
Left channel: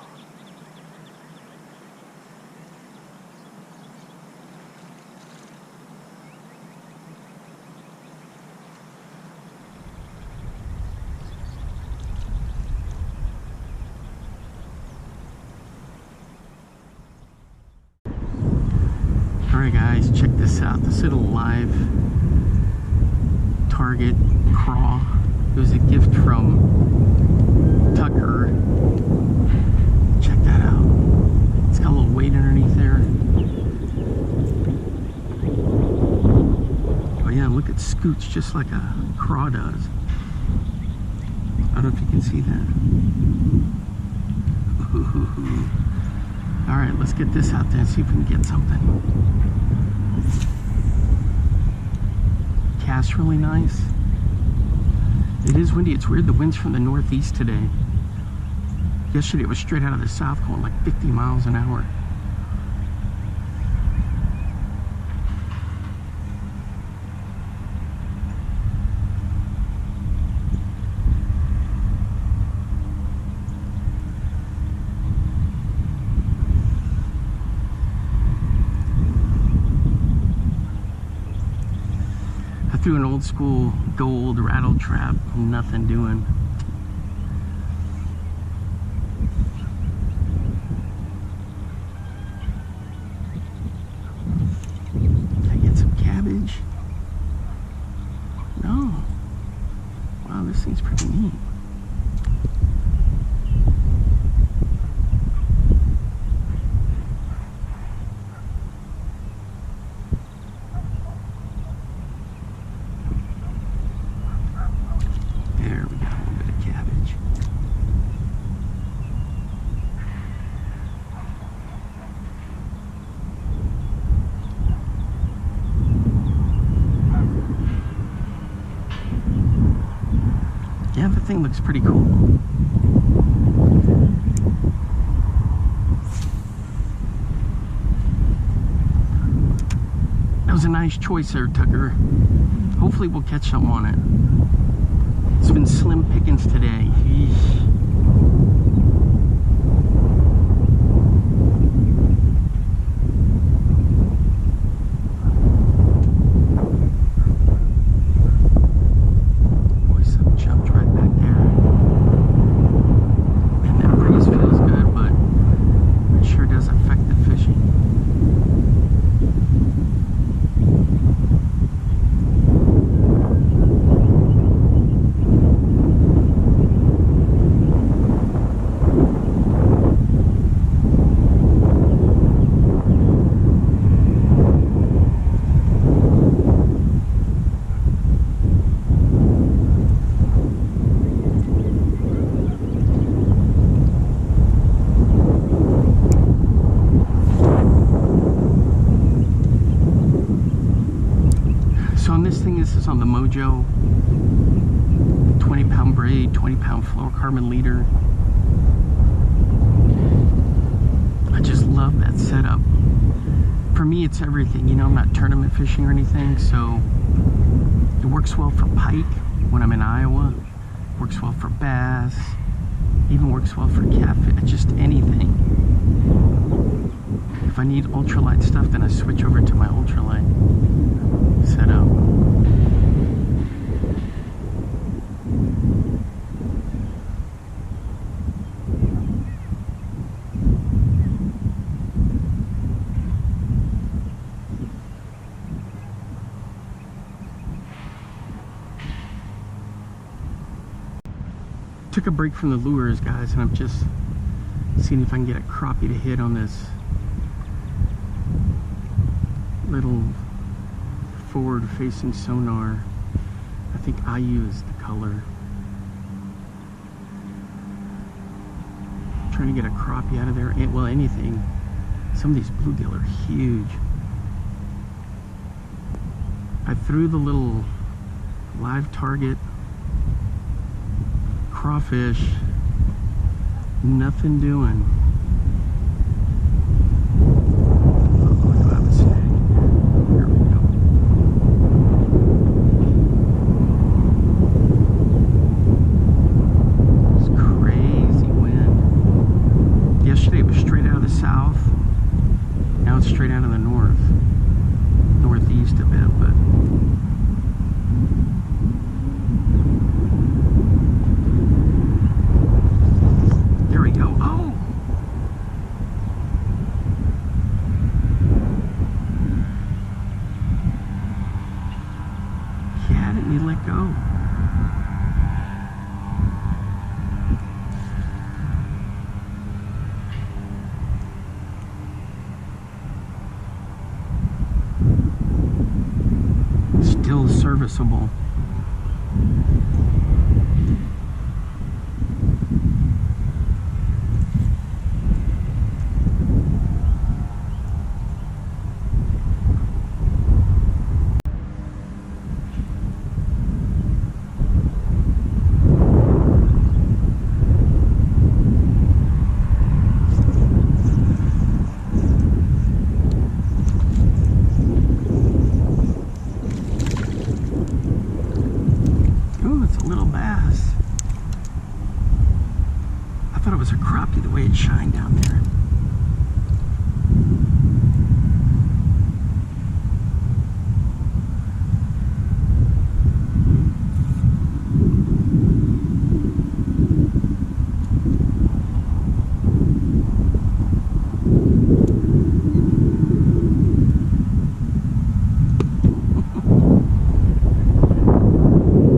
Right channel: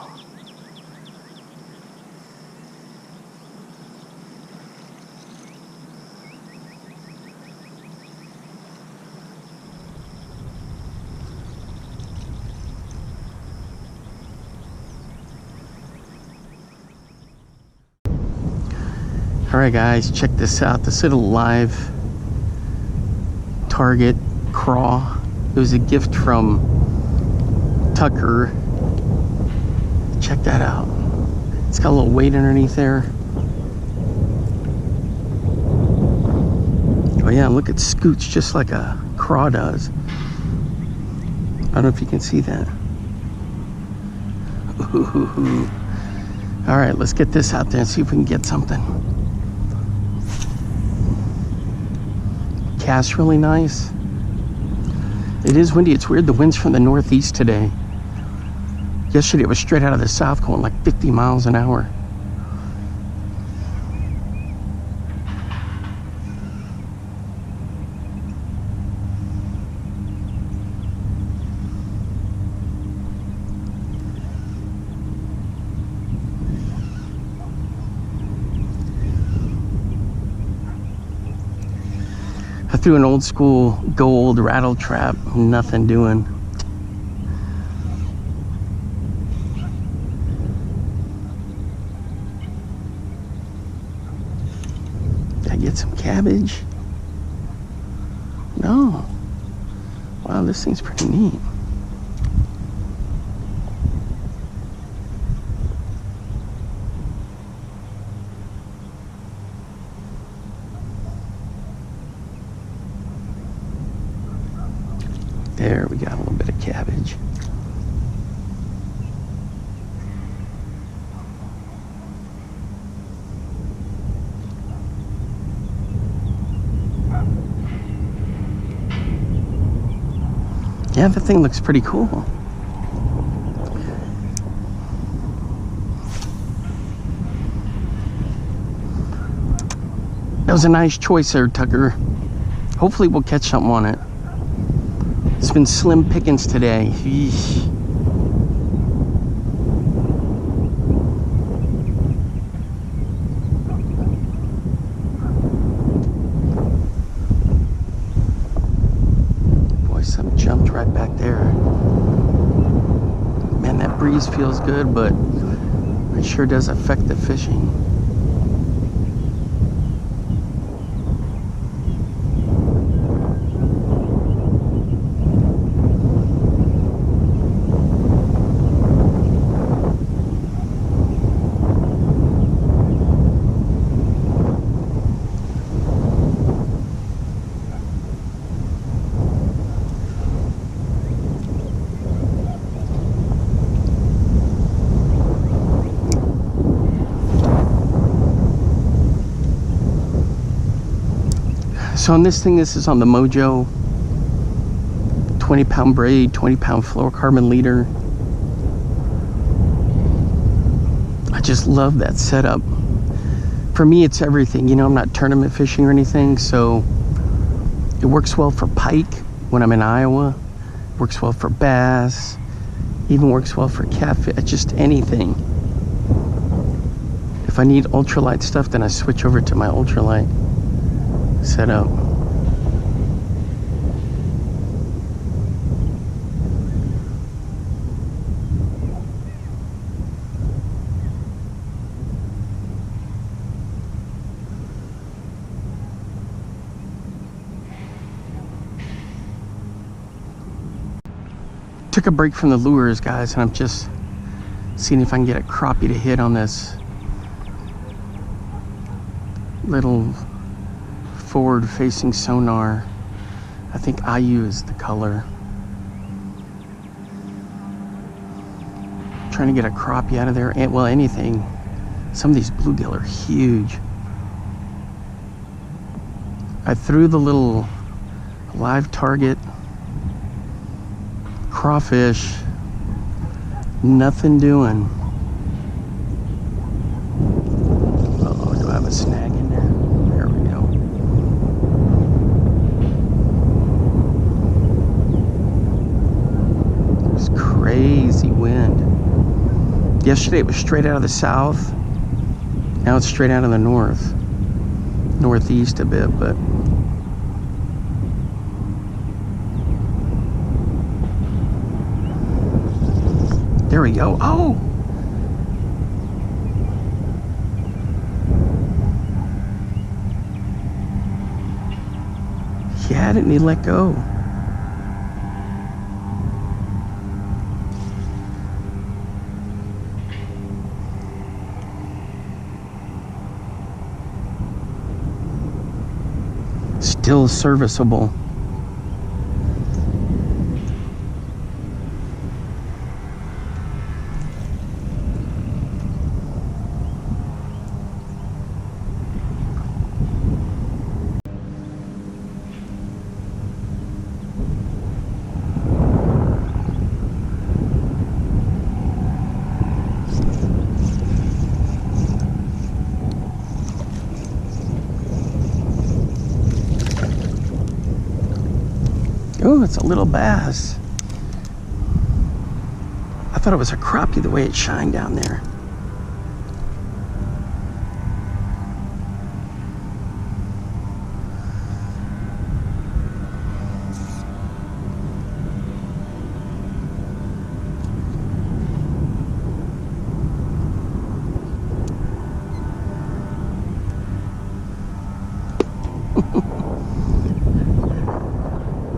Alright guys, check this out. This little live target craw. It was a gift from Tucker. Check that out. It's got a little weight underneath there. Oh yeah, look, it scoots just like a craw does. I don't know if you can see that. Ooh. All right, let's get this out there and see if we can get something. Casts really nice. It is windy. It's weird. The wind's from the northeast today. Yesterday it was straight out of the south, going like 50 miles an hour. I threw an old school gold rattle trap, nothing doing. Did I get some cabbage? No. Wow, this thing's pretty neat. There, we got a little bit of cabbage. Yeah, the thing looks pretty cool. That was a nice choice there, Tucker. Hopefully we'll catch something on it. It's been slim pickings today. Eesh. Boy, something jumped right back there. Man, that breeze feels good, but it sure does affect the fishing. So on this thing, this is on the Mojo 20-pound braid, 20-pound fluorocarbon leader. I just love that setup. For me, it's everything. You know, I'm not tournament fishing or anything, so it works well for pike when I'm in Iowa. Works well for bass. Even works well for catfish. Just anything. If I need ultralight stuff, then I switch over to my ultralight setup. Took a break from the lures, guys, and I'm just seeing if I can get a crappie to hit on this little forward-facing sonar. I think IU is the color. Trying to get a crappie out of there, and well, anything. Some of these bluegill are huge. I threw the little live target crawfish, nothing doing. Uh-oh, do I have a snag in there? There we go. There's crazy wind. Yesterday it was straight out of the south. Now it's straight out of the northeast a bit, but there we go. Oh! He had it and he let go. Still serviceable. Oh, it's a little bass. I thought it was a crappie the way it shined down there.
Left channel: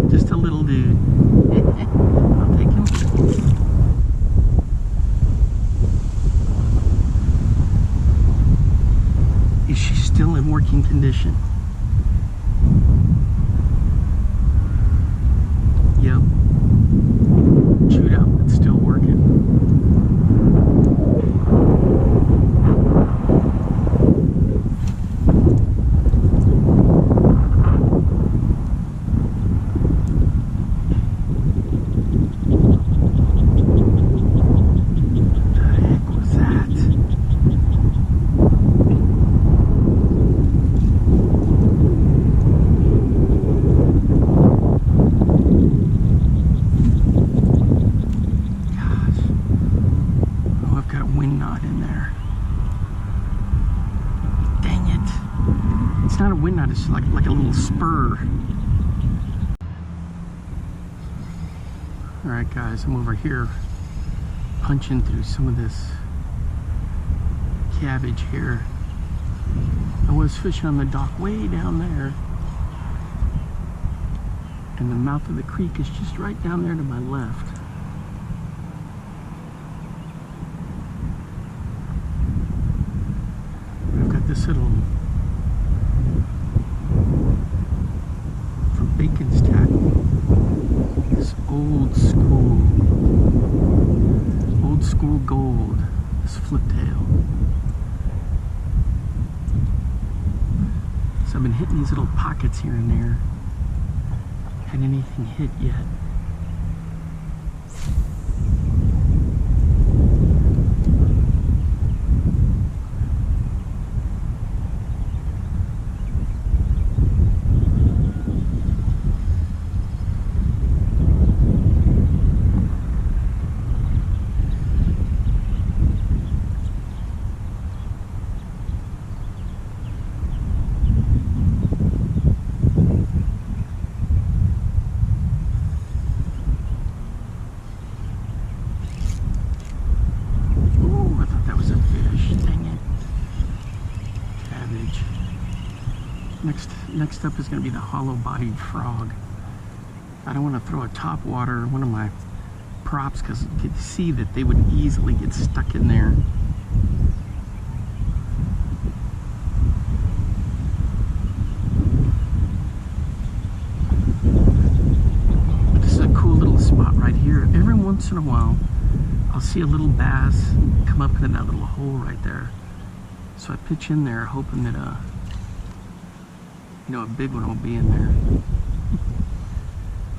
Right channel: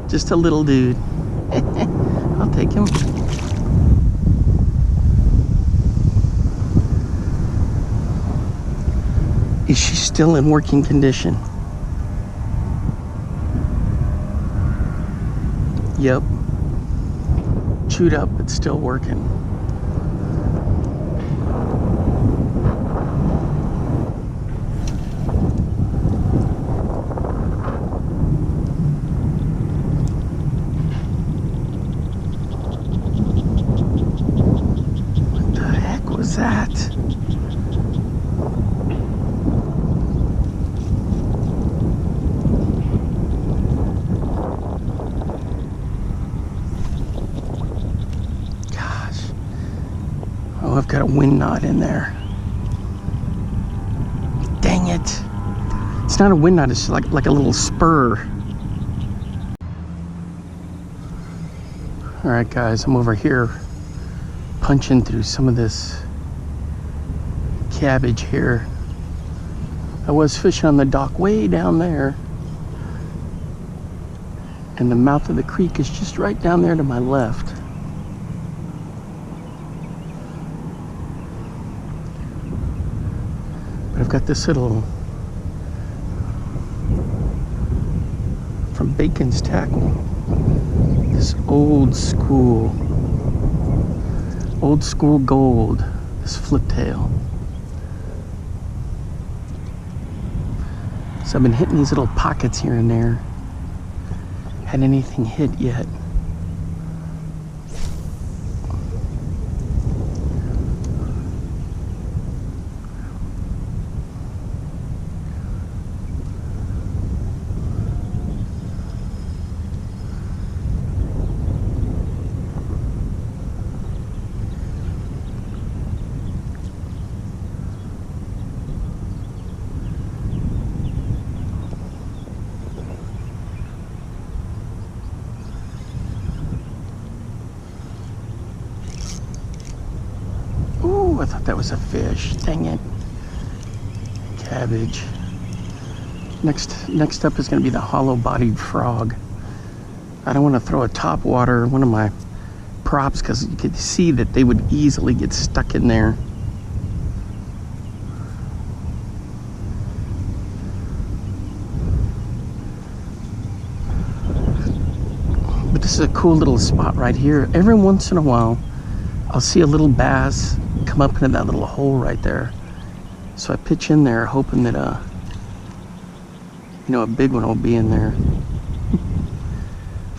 Just a little dude. I'll take him. Is she still in working condition? Yep. Chewed up, but still working. I've got a wind knot in there. Dang it. It's not a wind knot, it's like a little spur. Alright guys, I'm over here punching through some of this cabbage here. I was fishing on the dock way down there, and the mouth of the creek is just right down there to my left. But I've got this little, from Bacon's Tackle, this old school gold, this flip tail. So I've been hitting these little pockets here and there. Hadn't anything hit yet. I thought that was a fish. Dang it. Cabbage. Next up is going to be the hollow-bodied frog. I don't want to throw a topwater, one of my props because you could see that they would easily get stuck in there. But this is a cool little spot right here. Every once in a while, I'll see a little bass come up into that little hole right there. So I pitch in there hoping that, you know, a big one will be in there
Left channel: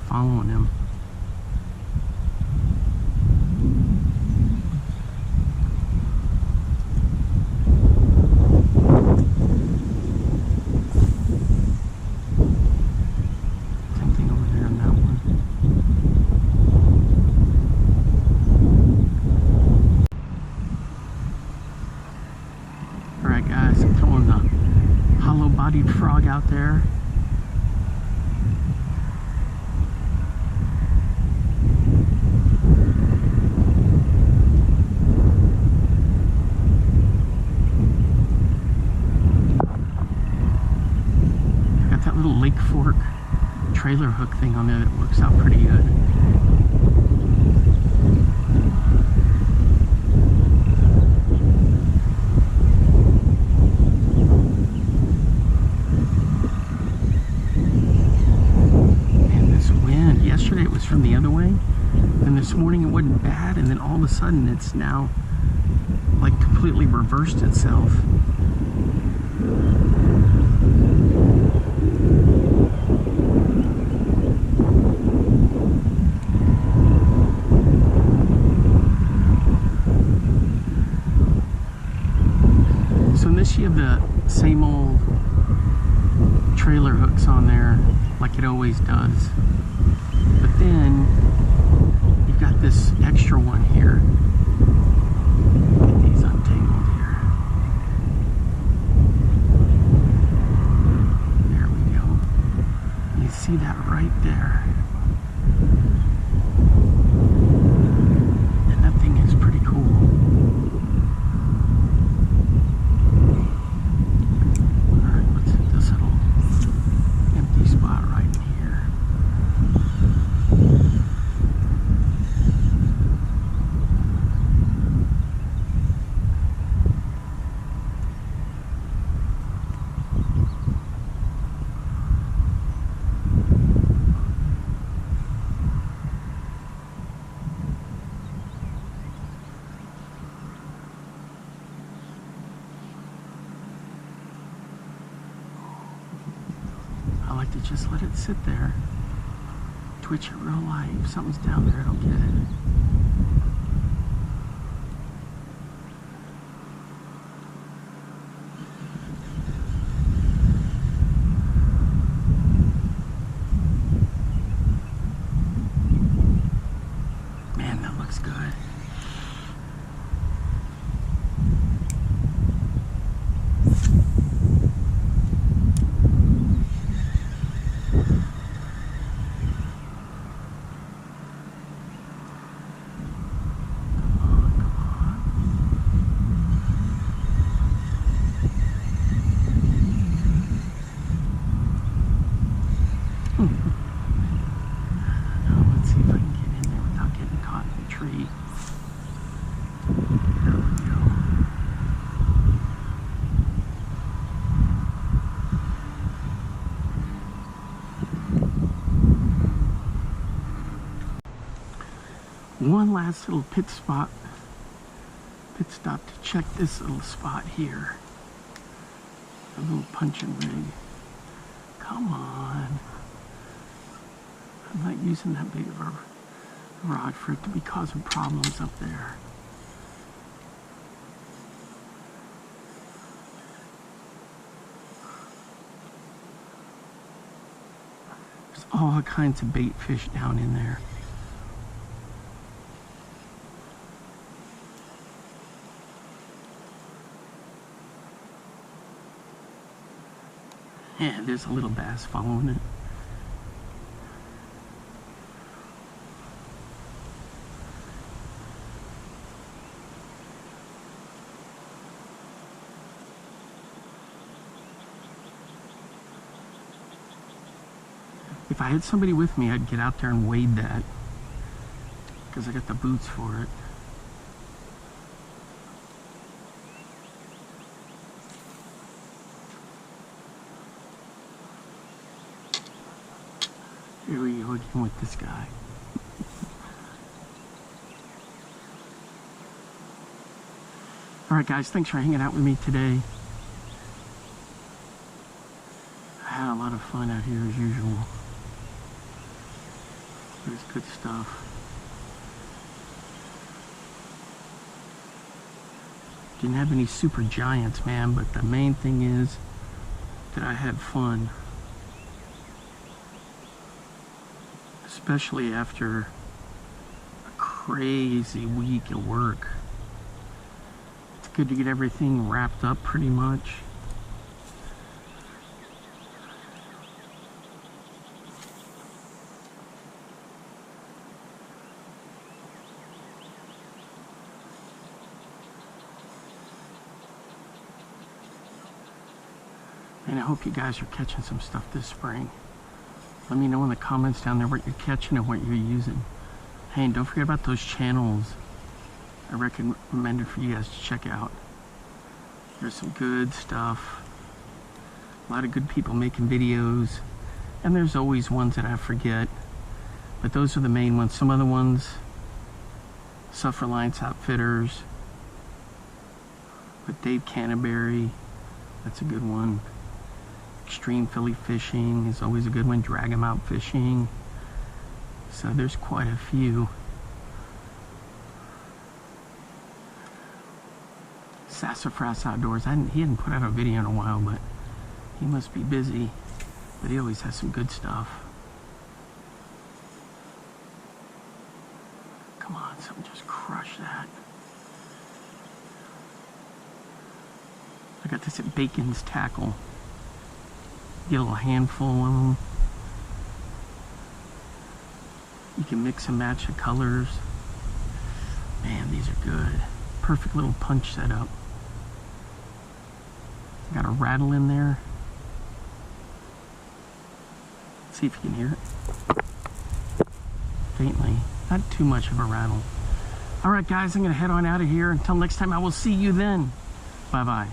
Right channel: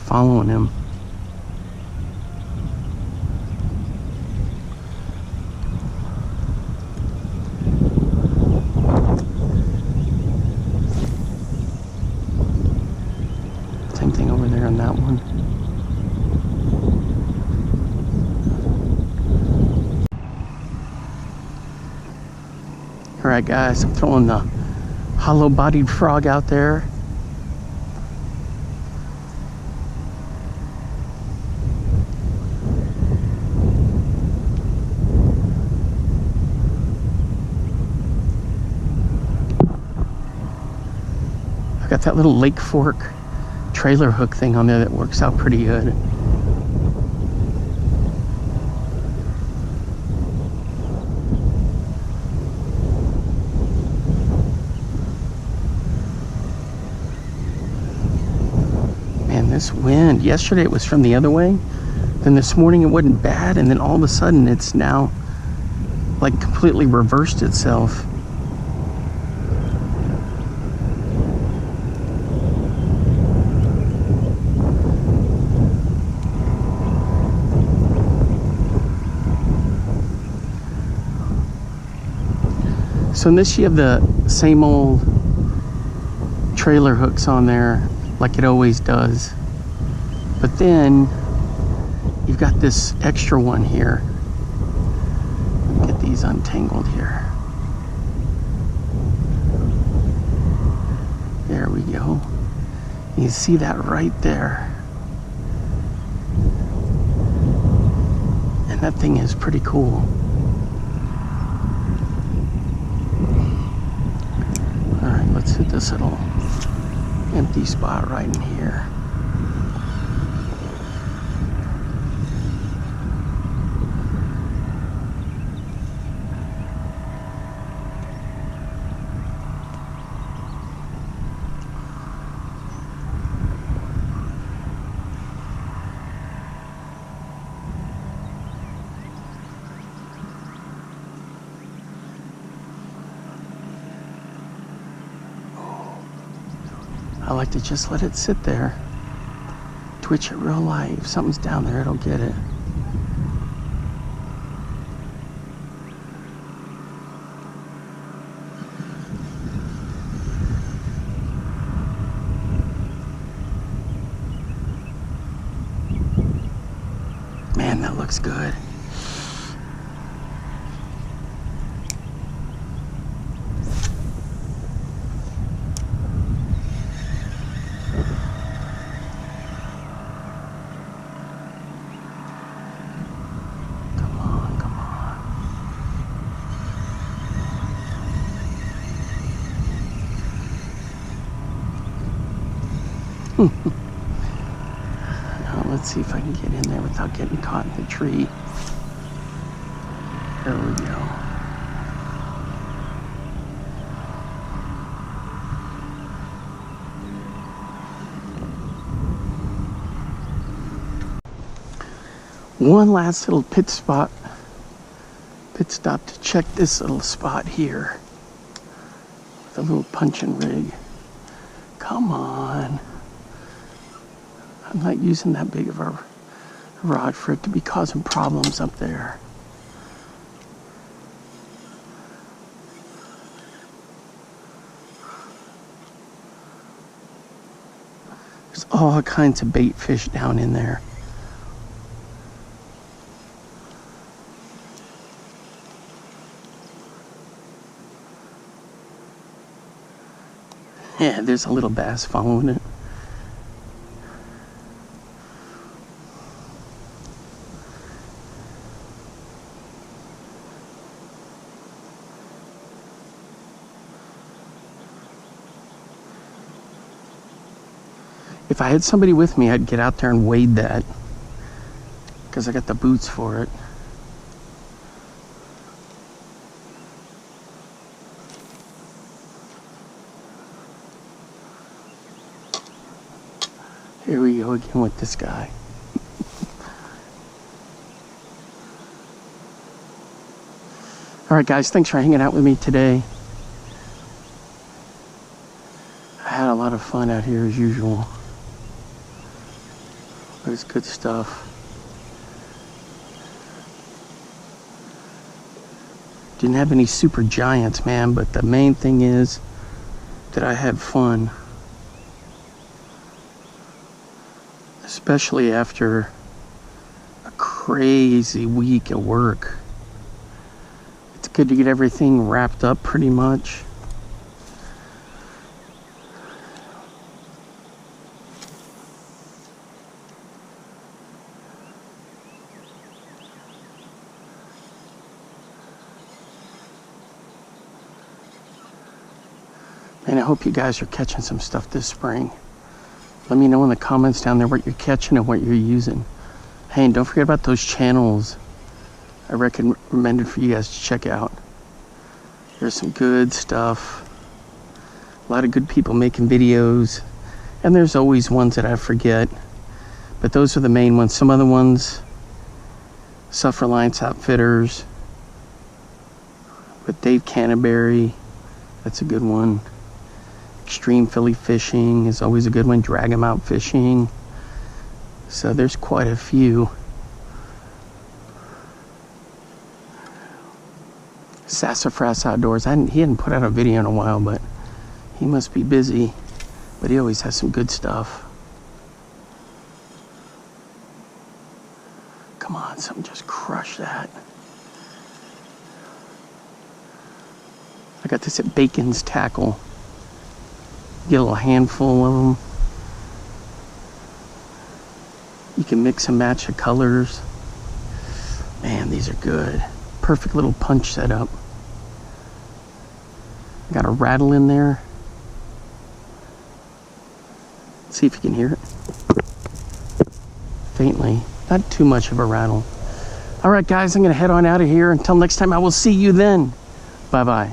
following him. Same thing over there on that one. All right, guys, I'm throwing the hollow-bodied frog out there. I've got that little Lake Fork trailer hook thing on there that works out pretty good. This wind, yesterday it was from the other way, then this morning it wasn't bad, and then all of a sudden it's now like completely reversed itself. So in this you have the same old trailer hooks on there like it always does. But then you've got this extra one here. Get these untangled here. There we go. You see that right there. And that thing is pretty cool. All right, let's hit this little empty spot right in here. I like to just let it sit there. Twitch it real light. If something's down there, it'll get it. Man, that looks good. Now let's see if I can get in there without getting caught in the tree. There we go. One last little pit stop to check this little spot here. The little punching rig. Come on. I'm not using that big of a rod for it to be causing problems up there. There's all kinds of bait fish down in there. Yeah, there's a little bass following it. If I had somebody with me, I'd get out there and wade that, because I got the boots for it. Here we go again with this guy. Alright guys, thanks for hanging out with me today. I had a lot of fun out here as usual. It was good stuff. Didn't have any super giants, man, but the main thing is that I had fun. Especially after a crazy week at work. It's good to get everything wrapped up pretty much. And I hope you guys are catching some stuff this spring. Let me know in the comments down there what you're catching and what you're using. Hey, and don't forget about those channels I recommended for you guys to check out. There's some good stuff. A lot of good people making videos. And there's always ones that I forget. But those are the main ones. Some other ones, Self-Reliance Outfitters with Dave Canterbury. That's a good one. Extreme Philly Fishing is always a good one. Drag 'em Out Fishing. So there's quite a few. Sassafras Outdoors. He hadn't put out a video in a while, but he must be busy. But he always has some good stuff. Come on, something just crushed that. I got this at Bacon's Tackle. Get a little handful of them. You can mix and match the colors. Man, these are good. Perfect little punch setup. Got a rattle in there. Let's see if you can hear it. Faintly. Not too much of a rattle. Alright guys, I'm going to head on out of here. Until next time, I will see you then. Bye-bye.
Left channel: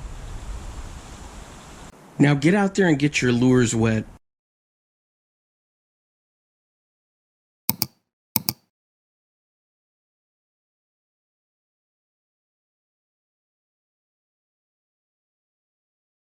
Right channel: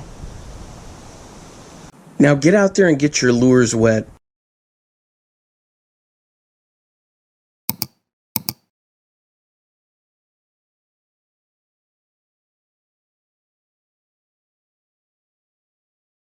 Now get out there and get your lures wet.